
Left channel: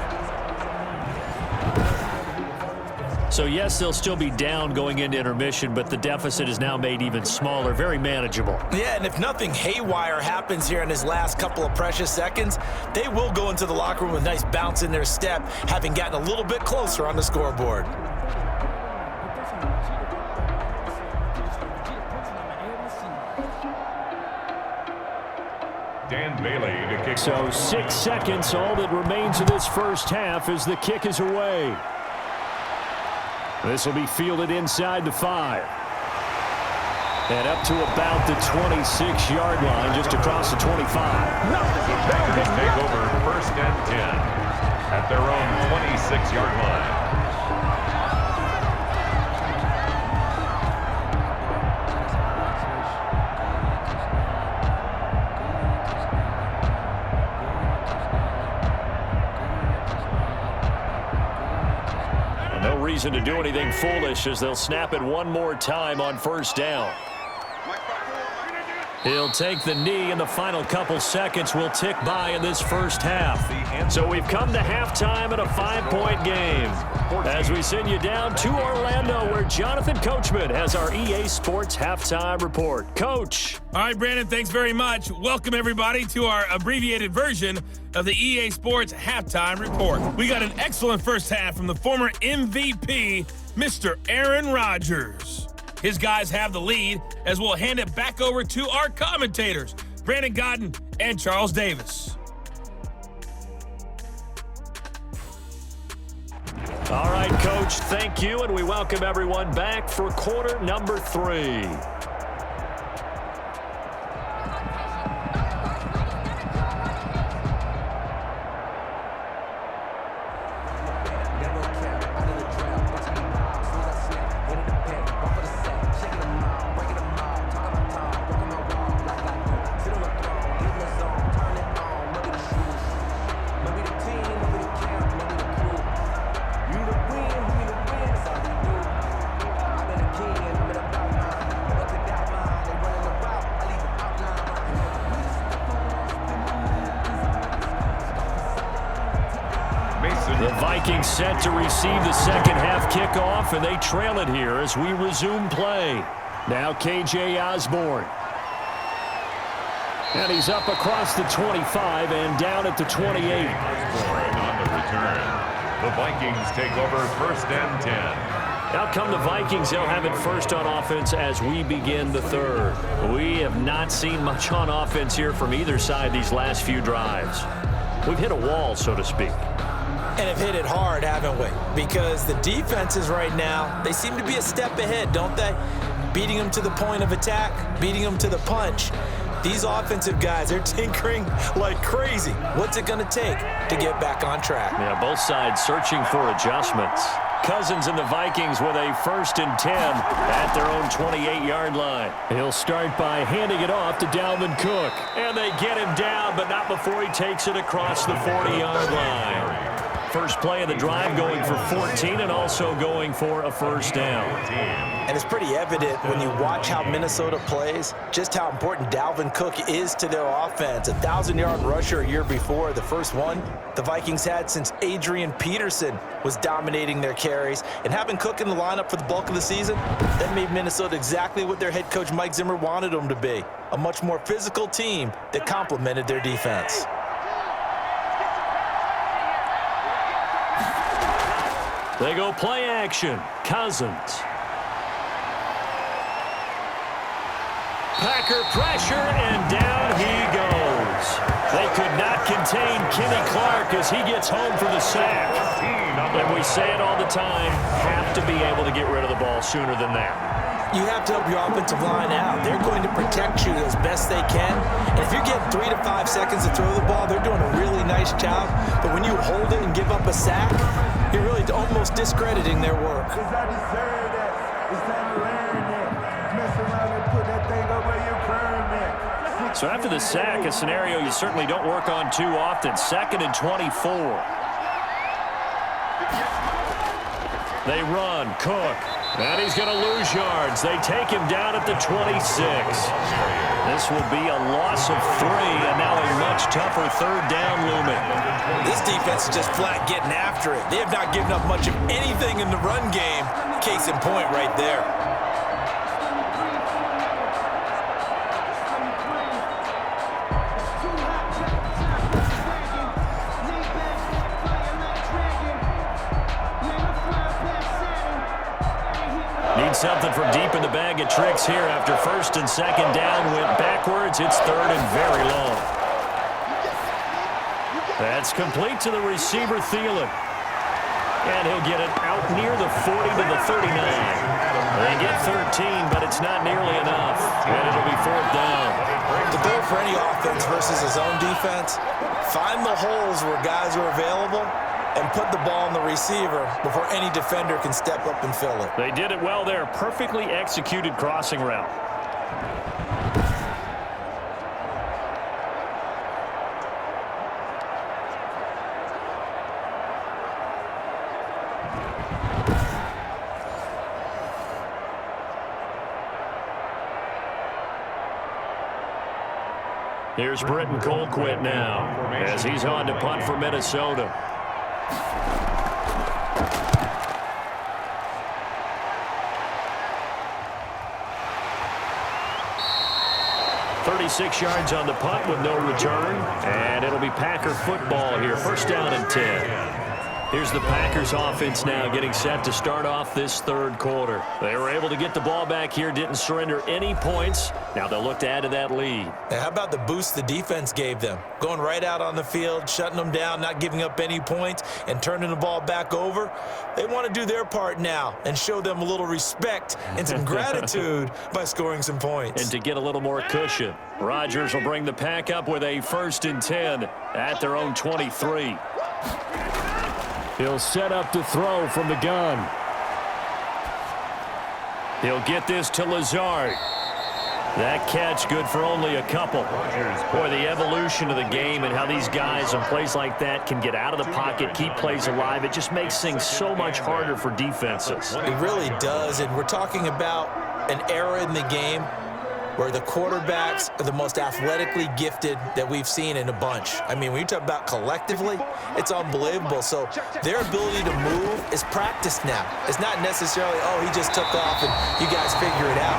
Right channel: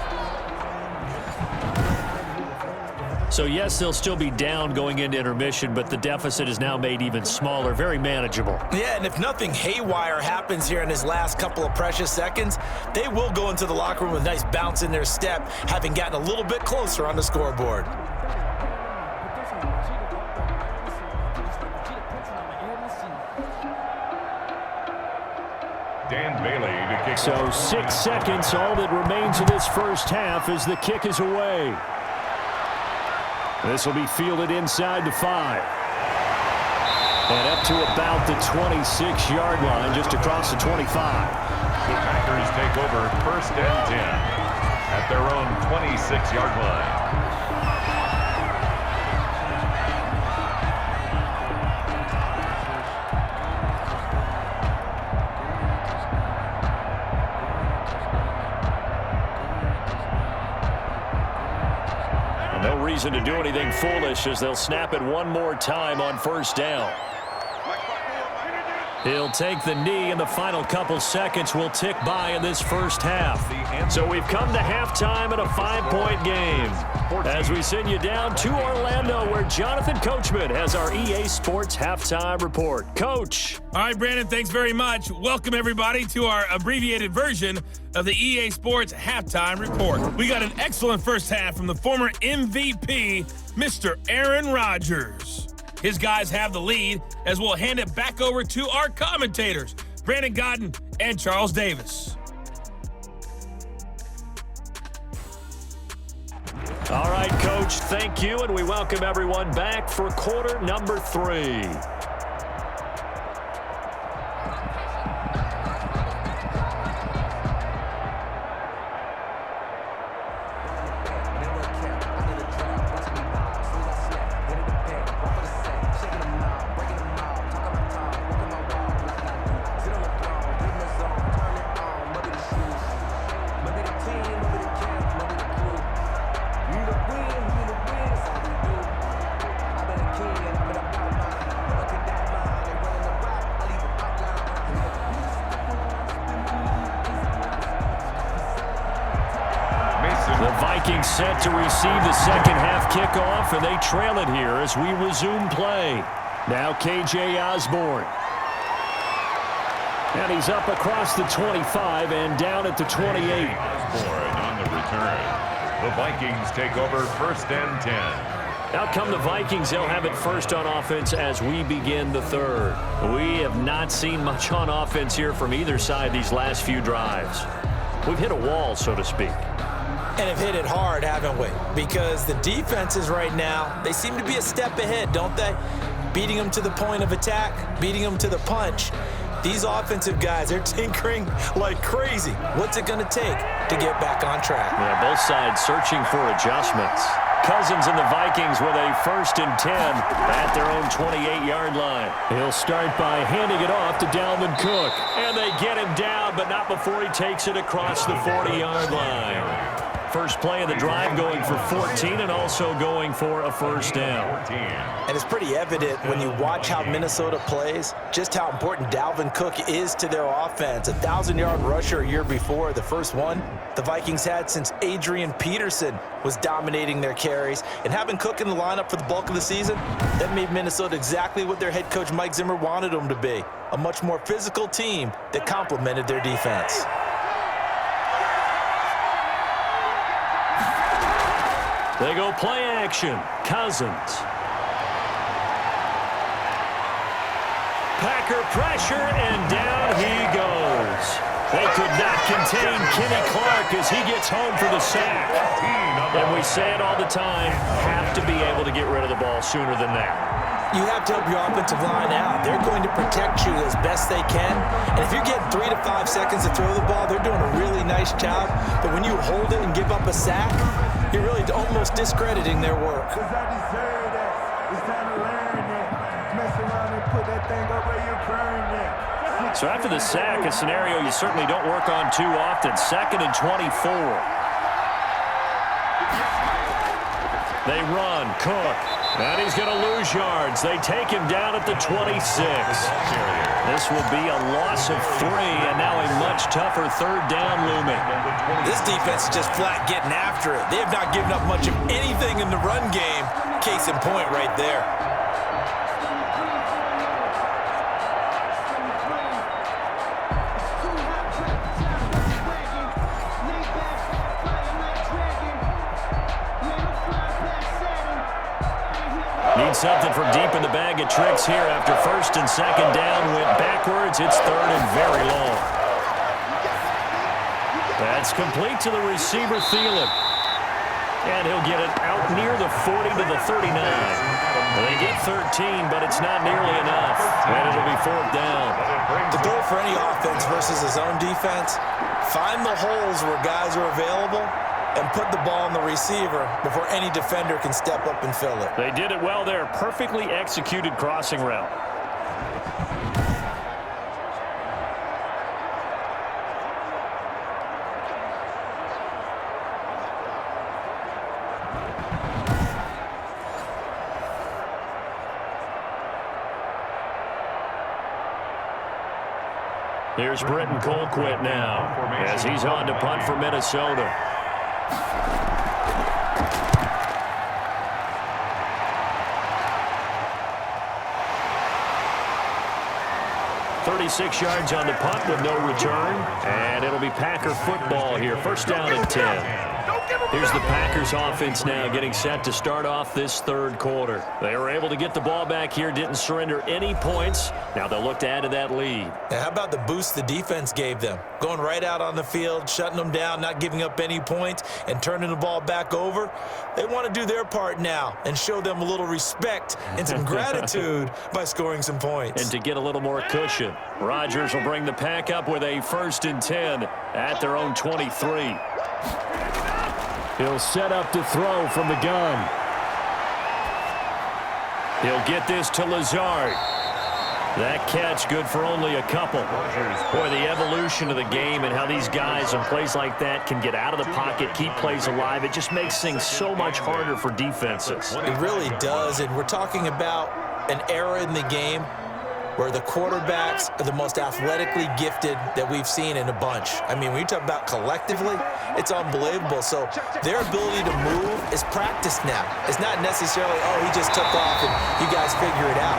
So, yes, they'll still be down going into intermission, but the deficit is now made even smaller, very manageable. Yeah, and if nothing haywire happens here in his last couple of precious seconds, they will go into the locker room with a nice bounce in their step, having gotten a little bit closer on the scoreboard. Dan Bailey to kick. So 6 seconds, all that remains of this first half as the kick is away. This will be fielded inside the 5. And up to about the 26-yard line, just across the 25. The Packers take over 1st and 10 at their own 26-yard line. No reason to do anything foolish as they'll snap it one more time on 1st down. He'll take the knee, and the final couple seconds will tick by in this first half. So we've come to halftime in a 5-point game. As we send you down to Orlando, where Jonathan Coachman has our EA Sports Halftime Report. Coach. All right, Brandon, thanks very much. Welcome, everybody, to our abbreviated version of the EA Sports Halftime Report. We got an excellent first half from the former MVP, Mr. Aaron Rodgers. His guys have the lead as we'll hand it back over to our commentators, Brandon Godden and Charles Davis. All right, Coach, thank you, and we welcome everyone back for quarter number 3. The Vikings set to receive the second half kickoff, and they trail it here as we resume play. Now KJ Osborne. And he's up across the 25 and down at the 28. Osborne on the return. The Vikings take over 1st and 10. Out come the Vikings. They'll have it first on offense as we begin the third. We have not seen much on offense here from either side these last few drives. We've hit a wall, so to speak. And have hit it hard, haven't we? Because the defenses right now, they seem to be a step ahead, don't they? Beating them to the point of attack, beating them to the punch. These offensive guys, they're tinkering like crazy. What's it going to take to get back on track? Yeah, both sides searching for adjustments. Cousins and the Vikings with a 1st and 10 at their own 28-yard line. He'll start by handing it off to Dalvin Cook. And they get him down, but not before he takes it across the 40-yard line. First play of the drive going for 14 and also going for a 1st down. And it's pretty evident when you watch how Minnesota plays, just how important Dalvin Cook is to their offense. A 1,000-yard rusher a year before, the first one the Vikings had since Adrian Peterson was dominating their carries. And having Cook in the lineup for the bulk of the season, that made Minnesota exactly what their head coach Mike Zimmer wanted them to be. A much more physical team that complemented their defense. They go play action. Cousins. Packer pressure, and down he goes. They could not contain Kenny Clark as he gets home for the sack. And we say it all the time, have to be able to get rid of the ball sooner than that. You have to help your offensive line out. They're going to protect you as best they can. And if you're getting 3 to 5 seconds to throw the ball, they're doing a really nice job. But when you hold it and give up a sack, you're really almost discrediting their work. Because I deserve that. It's time to learn that. Mess around and put that thing up where you're curving it. So after the sack, a scenario you certainly don't work on too often. 2nd and 24. They run, Cook. And he's going to lose yards. They take him down at the 26. This will be a loss of 3, and now a much tougher 3rd down looming. This defense is just flat getting after it. They have not given up much of anything in the run game. Case in point right there. Need something from deep in the bag of tricks here after 1st and 2nd down went backwards. It's 3rd and very long. That's complete to the receiver, Thielen. And he'll get it out near the 40 to the 39. They get 13, but it's not nearly enough. And it'll be 4th down. The goal for any offense versus his own defense, find the holes where guys are available and put the ball on the receiver before any defender can step up and fill it. They did it well there. Perfectly executed crossing route. Here's Britton Colquitt now as he's on to punt for Minnesota. 36 yards on the punt with no return, and it'll be Packer football here. 1st down and 10. Here's the Packers offense now getting set to start off this 3rd quarter. They were able to get the ball back here, didn't surrender any points. Now they'll look to add to that lead. Now, how about the boost the defense gave them? Going right out on the field, shutting them down, not giving up any points, and turning the ball back over. They want to do their part now and show them a little respect and some gratitude by scoring some points. And to get a little more cushion, Rodgers will bring the Pack up with a 1st and 10 at their own 23. He'll set up to throw from the gun. He'll get this to Lazard. That catch good for only a couple. Boy, the evolution of the game and how these guys on plays like that can get out of the pocket, keep plays alive, it just makes things so much harder for defenses. It really does, and we're talking about an era in the game where the quarterbacks are the most athletically gifted that we've seen in a bunch. I mean, when you talk about collectively, it's unbelievable. So their ability to move is practiced now. It's not necessarily, oh, he just took off and you guys figure it out.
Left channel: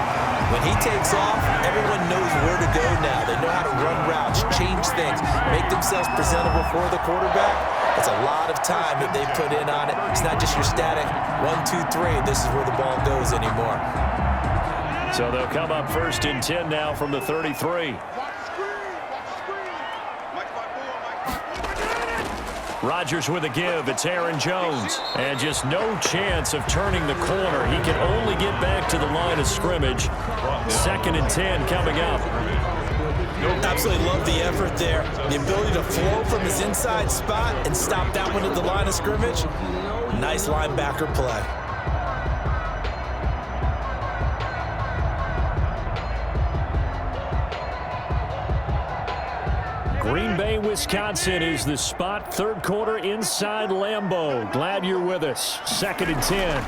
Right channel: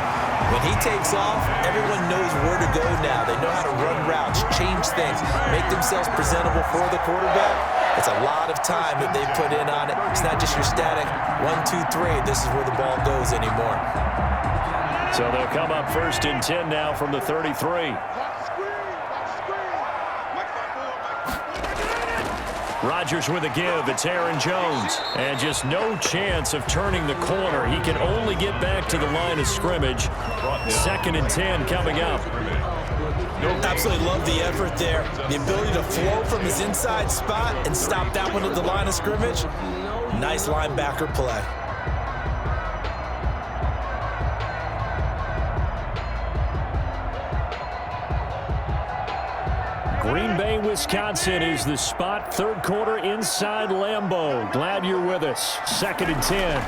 When he takes off, everyone knows where to go now. They know how to run routes, change things, make themselves presentable for the quarterback. It's a lot of time that they put in on it. It's not just your static 1, 2, 3. This is where the ball goes anymore. So they'll come up 1st and 10 now from the 33. Rodgers with a give. It's Aaron Jones. And just no chance of turning the corner. He can only get back to the line of scrimmage. 2nd and 10 coming up. Absolutely love the effort there. The ability to flow from his inside spot and stop that one at the line of scrimmage. Nice linebacker play. Green Bay, Wisconsin is the spot. 3rd quarter inside Lambeau. Glad you're with us. 2nd and 10.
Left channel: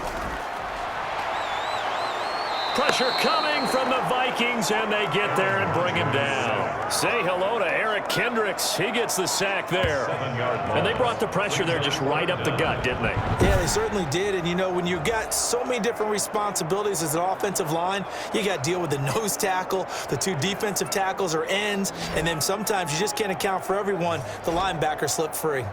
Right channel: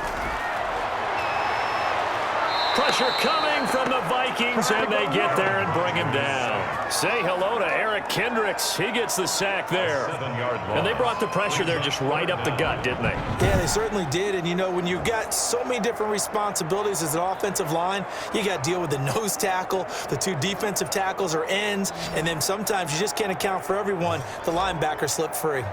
Pressure coming from the Vikings, and they get there and bring him down. Say hello to Eric Kendricks. He gets the sack there. And they brought the pressure there just right up the gut, didn't they? Yeah, they certainly did. And, you know, when you've got so many different responsibilities as an offensive line, you got to deal with the nose tackle, the 2 defensive tackles or ends, and then sometimes you just can't account for everyone. The linebacker slipped free.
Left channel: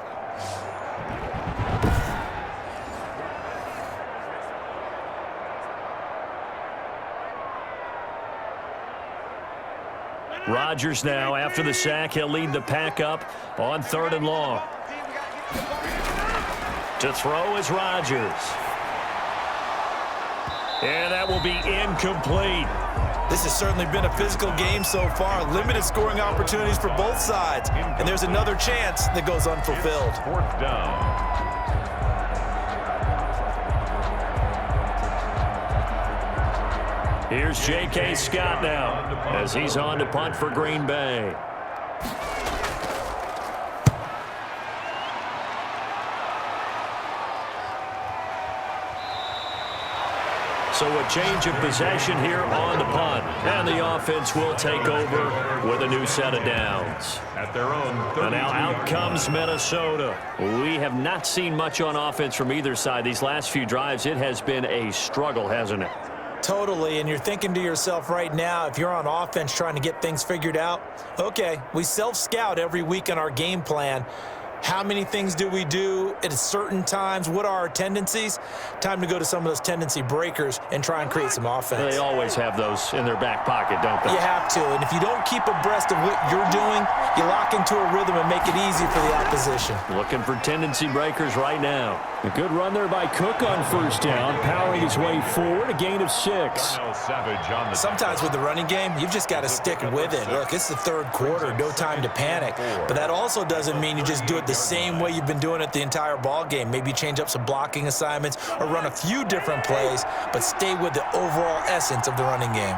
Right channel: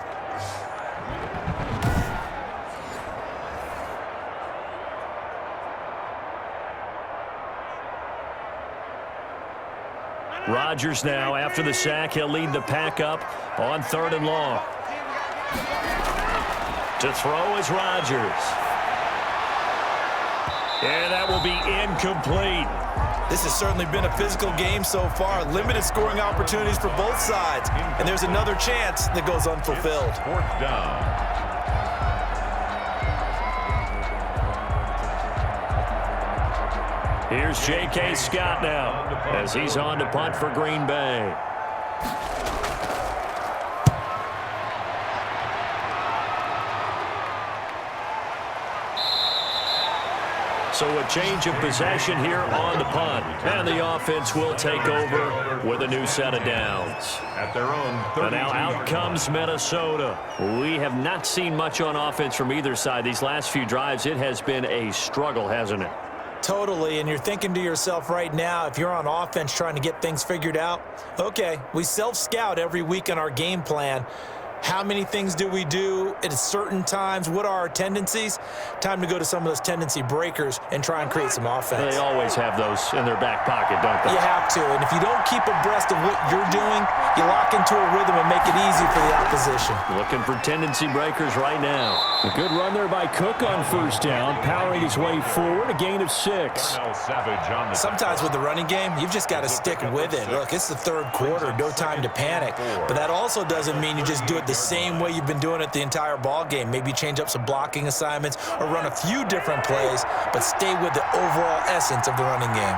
Rodgers now, after the sack, he'll lead the pack up on 3rd and long. To throw is Rodgers. And that will be incomplete. This has certainly been a physical game so far. Limited scoring opportunities for both sides. And there's another chance that goes unfulfilled. 4th down. Here's J.K. Scott now as he's on to punt for Green Bay. So a change of possession here on the punt. And the offense will take over with a new set of downs. At their own And now out comes Minnesota. We have not seen much on offense from either side. These last few drives, it has been a struggle, hasn't it? Totally, and you're thinking to yourself right now, if you're on offense trying to get things figured out, okay, we self-scout every week on our game plan. How many things do we do at certain times? What are our tendencies? Time to go to some of those tendency breakers and try and create some offense. They always have those in their back pocket, don't they? You have to, and if you don't keep abreast of what you're doing, you lock into a rhythm and make it easy for the opposition. Looking for tendency breakers right now. A good run there by Cook on 1st down, powering his way forward, a gain of 6. Sometimes with the running game, you've just got to stick with it. Look, it's the 3rd quarter, no time to panic. But that also doesn't mean you just do it the same way you've been doing it the entire ball game. Maybe change up some blocking assignments or run a few different plays, but stay with the overall essence of the running game.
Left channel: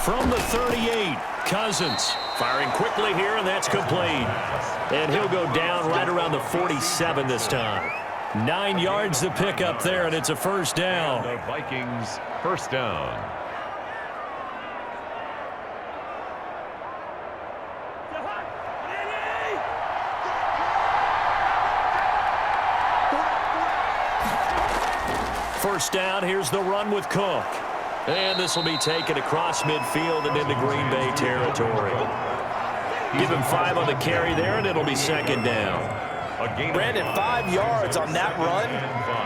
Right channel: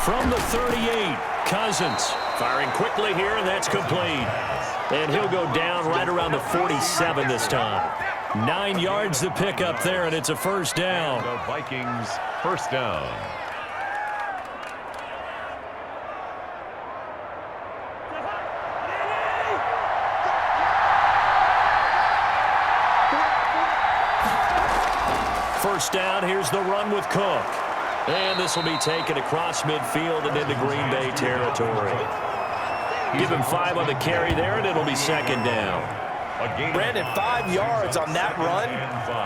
From the 38, Cousins firing quickly here, and that's complete. And he'll go down right around the 47 this time. 9 yards to pick up there, and it's a 1st down. The Vikings 1st down. First down, here's the run with Cook. And this will be taken across midfield and into Green Bay territory. Give him 5 on the carry there, and it'll be 2nd down. Brandon, 5 yards on that run.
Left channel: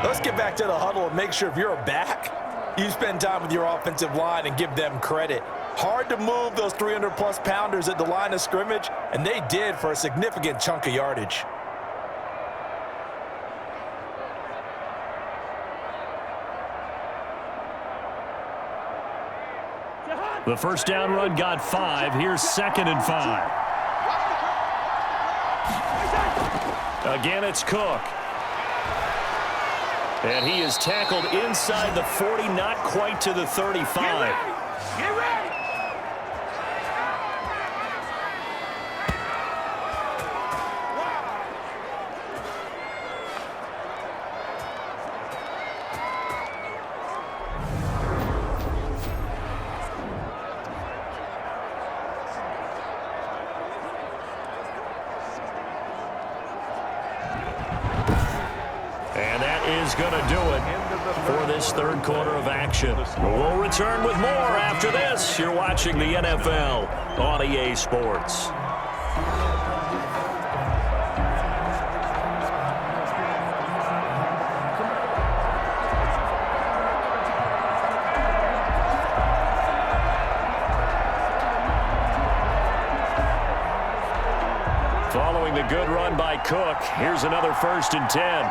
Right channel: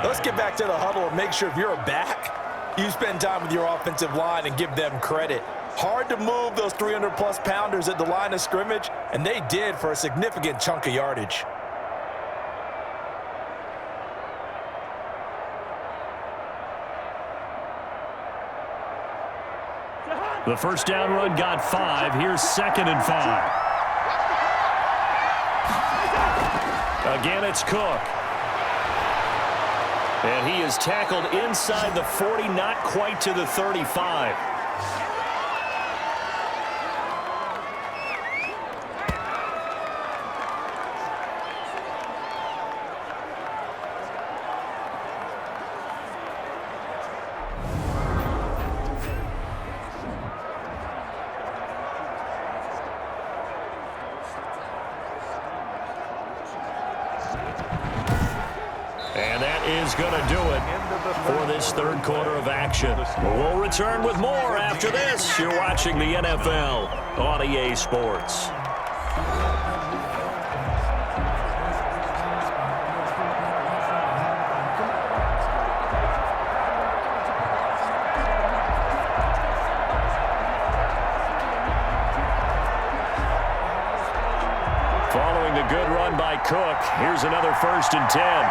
Let's get back to the huddle and make sure if you're a back, you spend time with your offensive line and give them credit. Hard to move those 300-plus pounders at the line of scrimmage, and they did for a significant chunk of yardage. The 1st down run got 5. Here's 2nd and 5. Again, it's Cook. And he is tackled inside the 40, not quite to the 35. And that is going to do it for this 3rd quarter of action. We'll return with more after this. You're watching the NFL on EA Sports. Following the good run by Cook, here's another 1st and 10.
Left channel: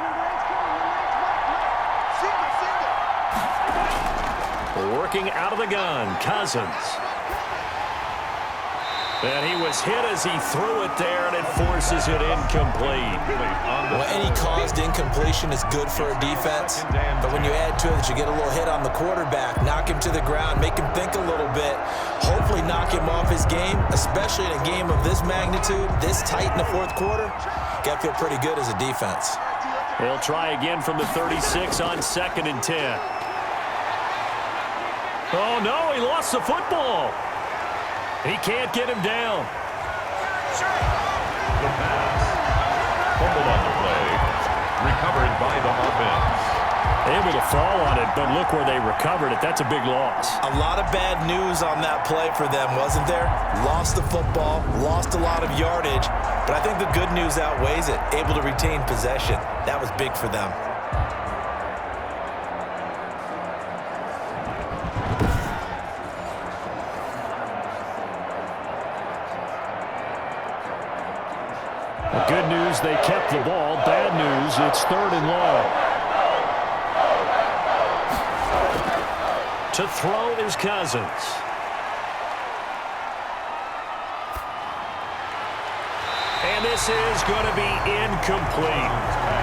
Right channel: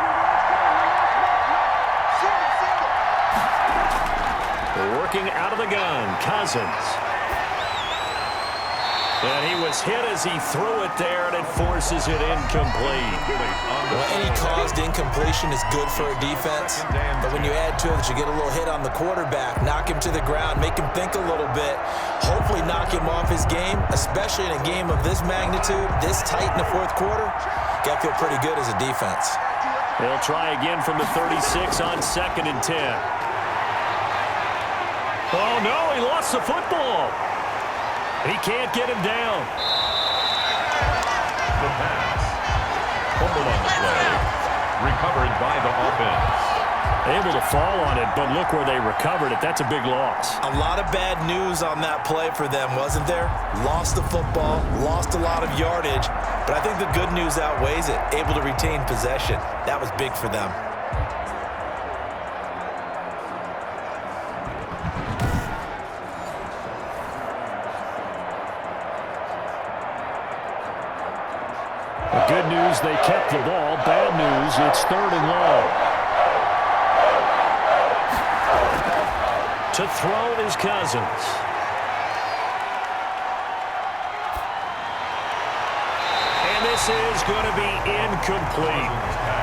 Working out of the gun, Cousins. And he was hit as he threw it there, and it forces it incomplete. Well, any caused incompletion is good for a defense, but when you add to it that you get a little hit on the quarterback, knock him to the ground, make him think a little bit, hopefully knock him off his game, especially in a game of this magnitude, this tight in the 4th quarter, got to feel pretty good as a defense. He'll try again from the 36 on 2nd and 10. Oh, no, he lost the football. He can't get him down. The pass. Fumble on the play. Recovered by the offense. Able to fall on it, but look where they recovered it. That's a big loss. A lot of bad news on that play for them, wasn't there? Lost the football, lost a lot of yardage, but I think the good news outweighs it. Able to retain possession. That was big for them. Good news, they kept the ball. Bad news, it's 3rd and long. To throw is Cousins. And this is going to be incomplete.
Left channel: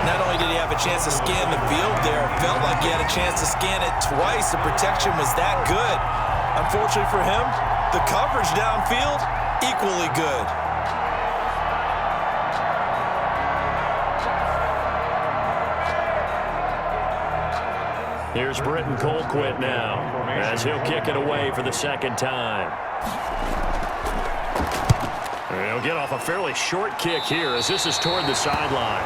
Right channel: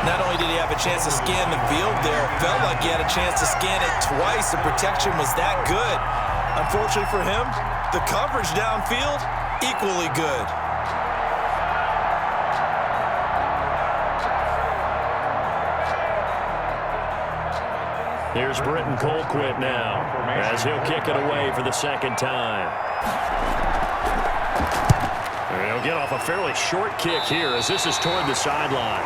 Not only did he have a chance to scan the field there, it felt like he had a chance to scan it twice. The protection was that good. Unfortunately for him, the coverage downfield, equally good. Here's Britton Colquitt now, as he'll kick it away for the 2nd time. He'll get off a fairly short kick here as this is toward the sideline.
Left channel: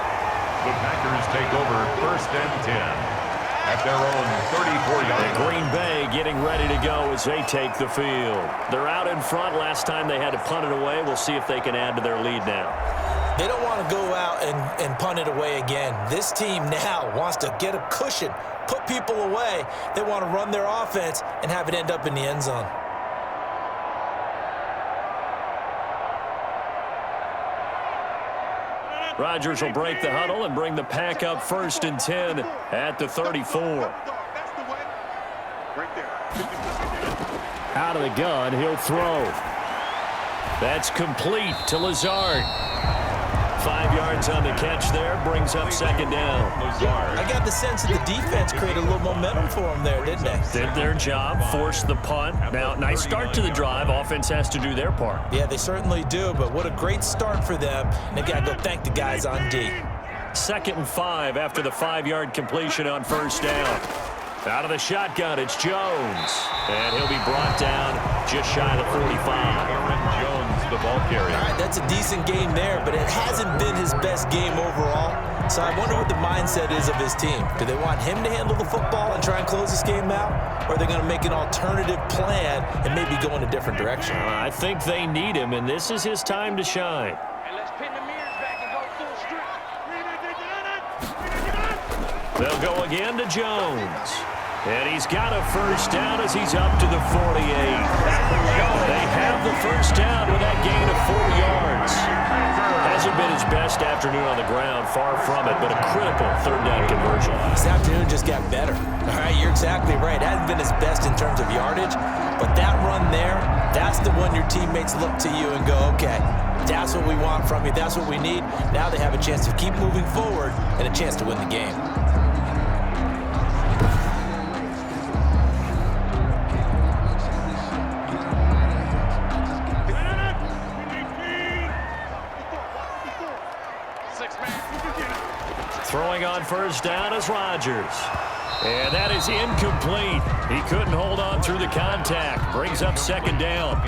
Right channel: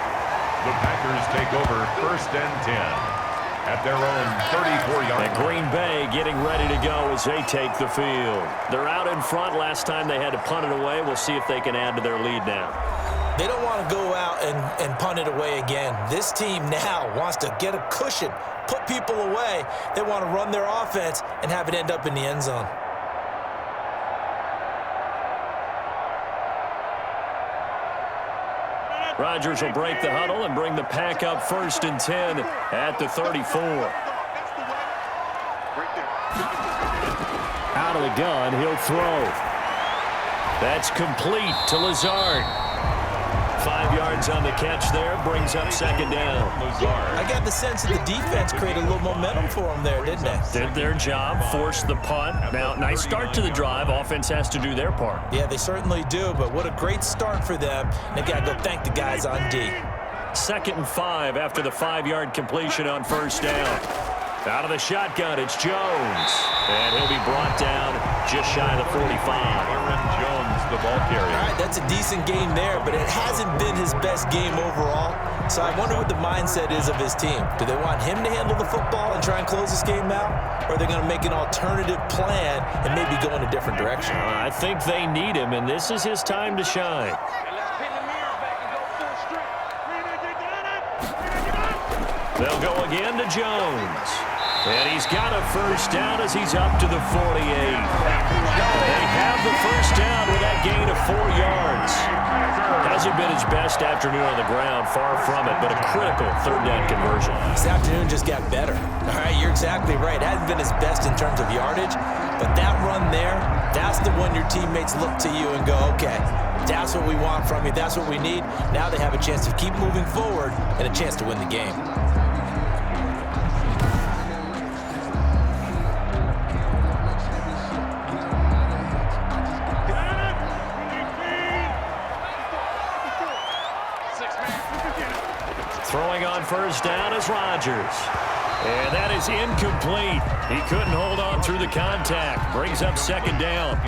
The Packers take over 1st and 10 at their own 34-yard line. And Green Bay getting ready to go as they take the field. They're out in front. Last time they had to punt it away. We'll see if they can add to their lead now. They don't want to go out and punt it away again. This team now wants to get a cushion, put people away. They want to run their offense and have it end up in the end zone. Rodgers will break the huddle and bring the pack up 1st and 10 at the 34. Out of the gun, he'll throw. That's complete to Lazard. 5 yards on the catch there, brings up 2nd down. I got the sense that the defense created a little momentum for them there, didn't they? Did their job, forced the punt. Now, nice start to the drive. Offense has to do their part. Yeah, they certainly do, but what a great start for them. They got to go thank the guys on D. 2nd and 5 after the 5-yard completion on 1st down. Out of the shotgun, it's Jones. And he'll be brought down just shy of the 45. Aaron Jones, the ball carrier. All right, that's a decent game there, but it hasn't been his best game overall. So I wonder what the mindset is of his team. Do they want him to handle the football and try and close this game out? Or are they going to make an alternative plan and maybe go in a different direction? I think they need him, and this is his time to shine. And let's pin the mirrors back and go full strength. They'll go again to Jones. And he's got a 1st down as he's up to the 48. They have the 1st down with that gain of 4 yards. Hasn't been his best afternoon on the ground, far from it, but a critical 3rd down conversion. This afternoon just got better. All right, you're exactly right. It hasn't been his best in terms of yardage, but that run there, that's the one your teammates look to you and go, okay, that's what we want from you. That's what we need. Now they have a chance to keep moving forward and a chance to win the game. Throwing on 1st down is Rodgers. And that is incomplete. He couldn't hold on through the contact. Brings up 2nd down.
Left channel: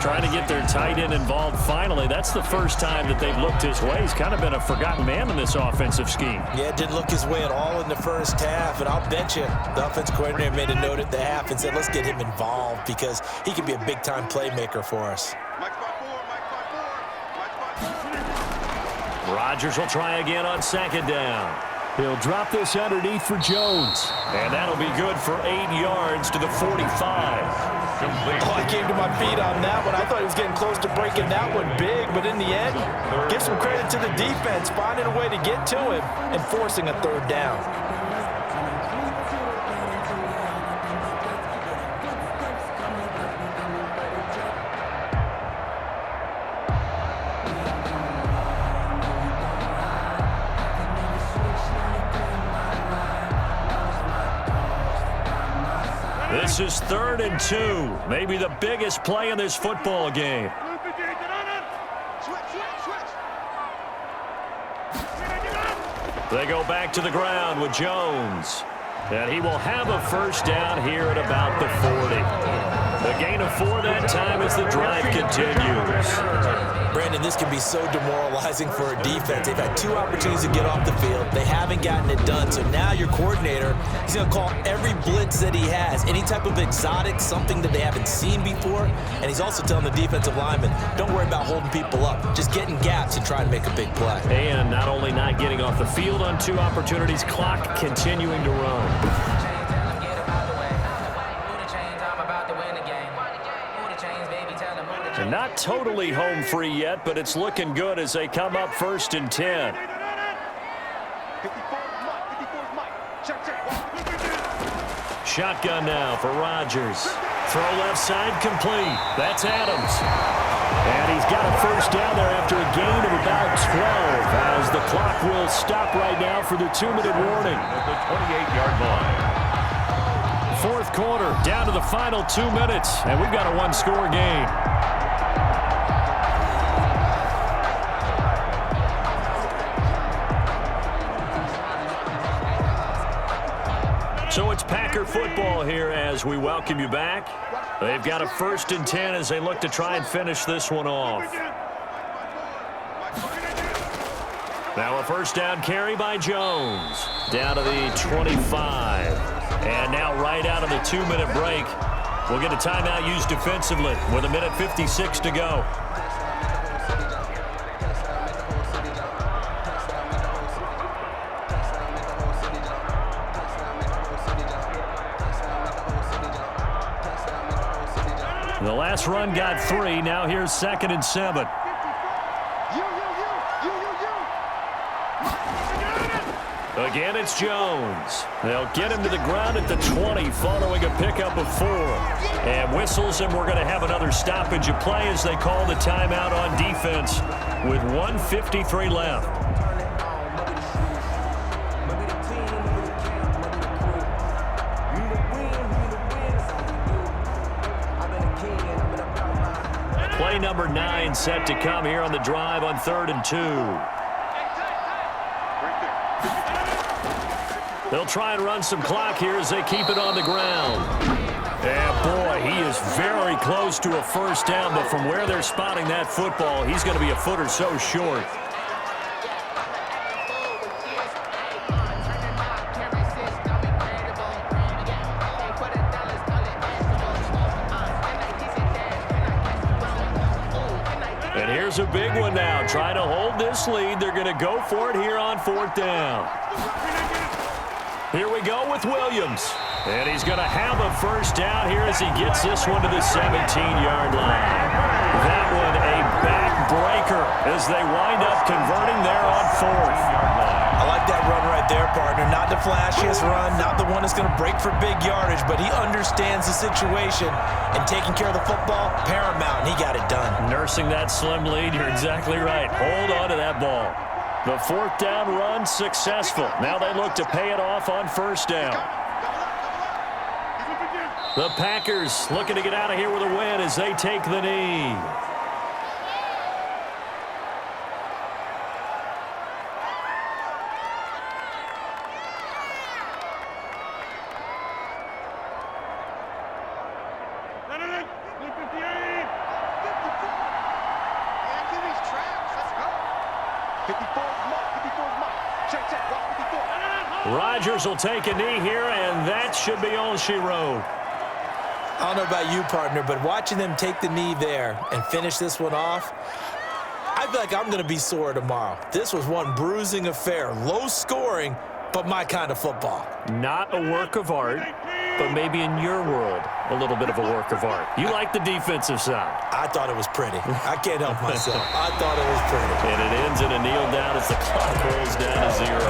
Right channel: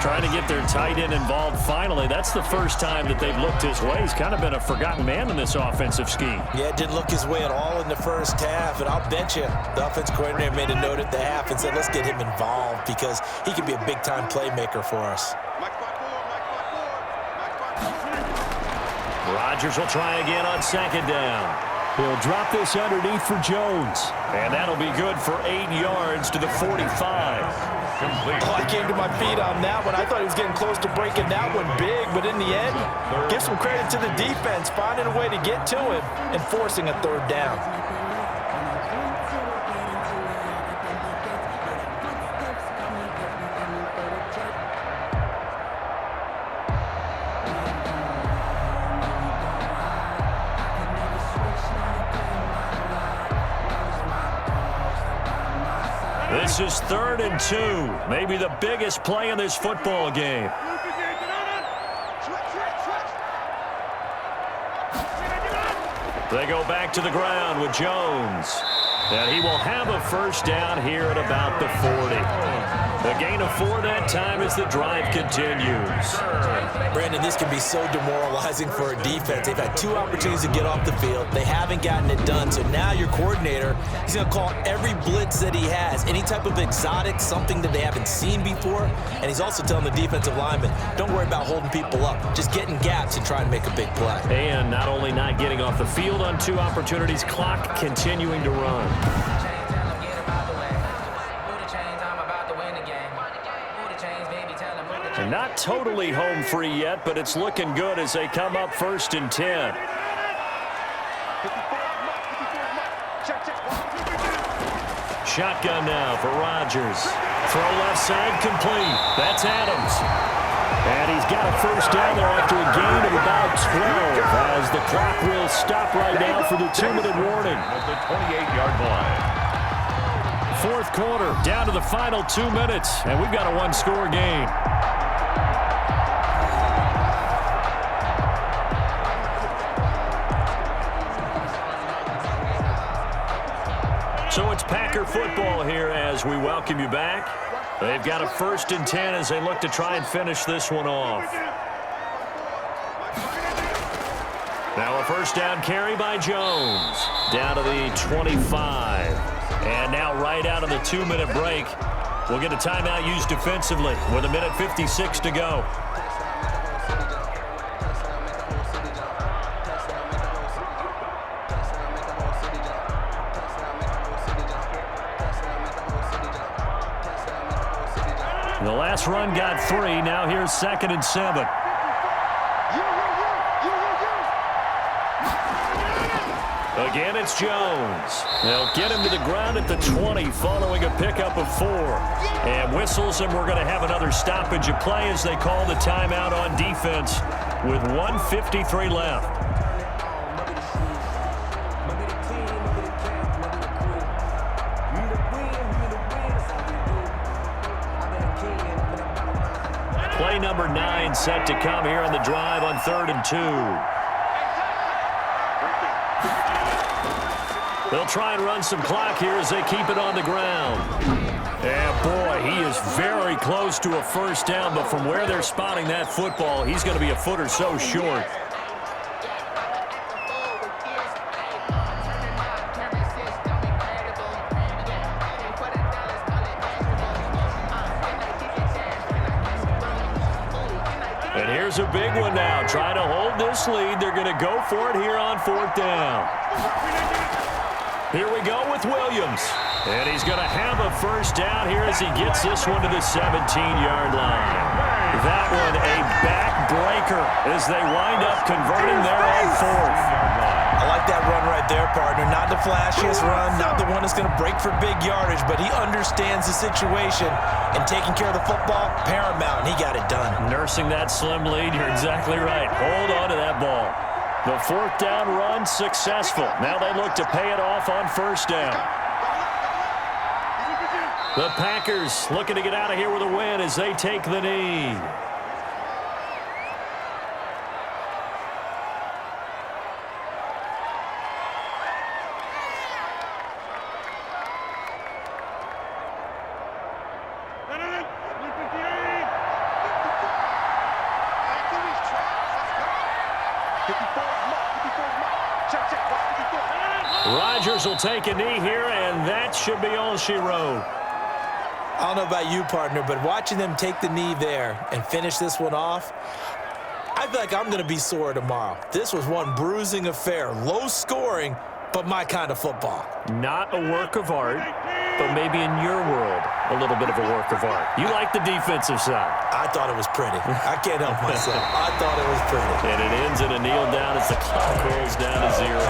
Trying to get their tight end involved finally. That's the first time that they've looked his way. He's kind of been a forgotten man in this offensive scheme. Yeah, it didn't look his way at all in the first half. And I'll bet you the offense coordinator made a note at the half and said, let's get him involved because he could be a big-time playmaker for us. Rodgers will try again on 2nd down. He'll drop this underneath for Jones. And that'll be good for 8 yards to the 45. Oh, I came to my feet on that one. I thought he was getting close to breaking that one big, but in the end, give some credit to the defense, finding a way to get to him and forcing a 3rd down. This is 3rd and 2. Maybe the biggest play in this football game. They go back to the ground with Jones. And he will have a 1st down here at about the 40. The gain of 4 that time as the drive continues. Brandon, this can be so demoralizing for a defense. They've had 2 opportunities to get off the field. They haven't gotten it done. So now your coordinator, he's going to call every blitz that he has, any type of exotic, something that they haven't seen before. And he's also telling the defensive lineman, don't worry about holding people up. Just get in gaps and try to make a big play. And not only not getting off the field on 2 opportunities, clock continuing to run. And not totally home free yet, but it's looking good as they come up 1st and 10. Shotgun now for Rodgers. Throw left side complete. That's Adams. And he's got a first down there after a gain of about 12 as the clock will stop right now for the 2-minute warning. At the 28-yard line. 4th quarter, down to the final 2 minutes, and we've got a 1-score game. So it's Packer football here as we welcome you back. They've got a 1st and 10 as they look to try and finish this one off. Now a first down carry by Jones. Down to the 25. And now right out of the 2-minute break, we'll get a timeout used defensively with 1:56 to go. The last run got 3. Now here's 2nd and 7. Again, it's Jones. They'll get him to the ground at the 20 following a pickup of 4. And whistles, and we're going to have another stoppage of play as they call the timeout on defense with 1:53 left. Play number 9 set to come here on the drive on 3rd and 2. They'll try and run some clock here as they keep it on the ground. And boy, he is very close to a first down, but from where they're spotting that football, he's going to be a foot or so short. And here's a big one now. Trying to hold this lead. They're going to go for it here on 4th down. Here we go with Williams. And he's going to have a first down here as he gets this one to the 17-yard line. That one a backbreaker as they wind up converting there on 4th. I like that run right there, partner. Not the flashiest run, not the one that's going to break for big yardage, but he understands the situation, and taking care of the football, paramount, and he got it done. Nursing that slim lead, you're exactly right. Hold on to that ball. The 4th down run successful. Now they look to pay it off on 1st down. The Packers looking to get out of here with a win as they take the knee. Rodgers will take a knee here, and that should be all she wrote. I don't know about you, partner, but watching them take the knee there and finish this one off, I feel like I'm going to be sore tomorrow. This was one bruising affair. Low scoring, but my kind of football. Not a work of art, but maybe in your world, a little bit of a work of art. You like the defensive side. I thought it was pretty. I can't help myself. I thought it was pretty. And it ends in a kneel down as the clock rolls down to 0.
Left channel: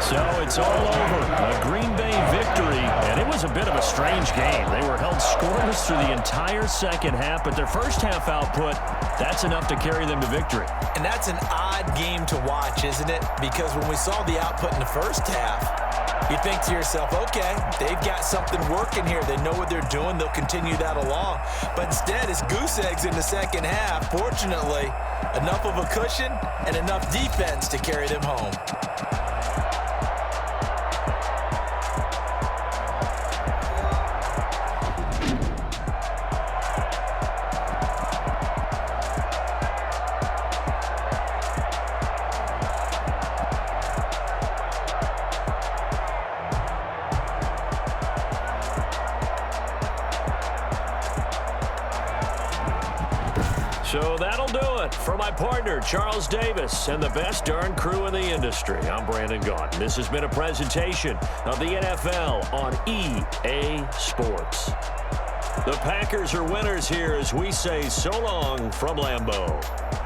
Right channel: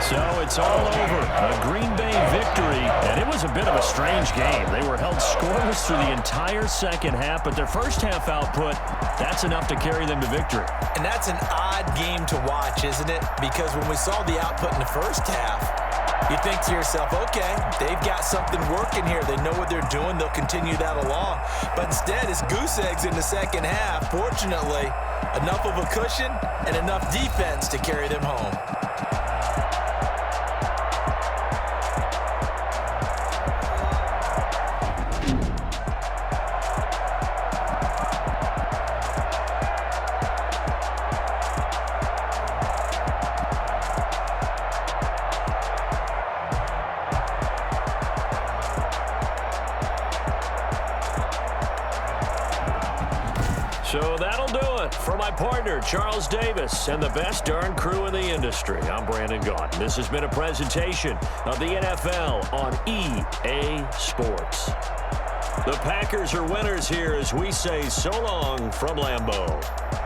So it's all over. A Green Bay victory, and it was a bit of a strange game. They were held scoreless through the entire second half, but their first half output, that's enough to carry them to victory. And that's an odd game to watch, isn't it? Because when we saw the output in the first half, you think to yourself, okay, they've got something working here. They know what they're doing. They'll continue that along. But instead, it's goose eggs in the second half. Fortunately, enough of a cushion and enough defense to carry them home. So that'll do it for my partner, Charles Davis, and the best darn crew in the industry. I'm Brandon Gaudin. This has been a presentation of the NFL on EA Sports. The Packers are winners here as we say so long from Lambeau.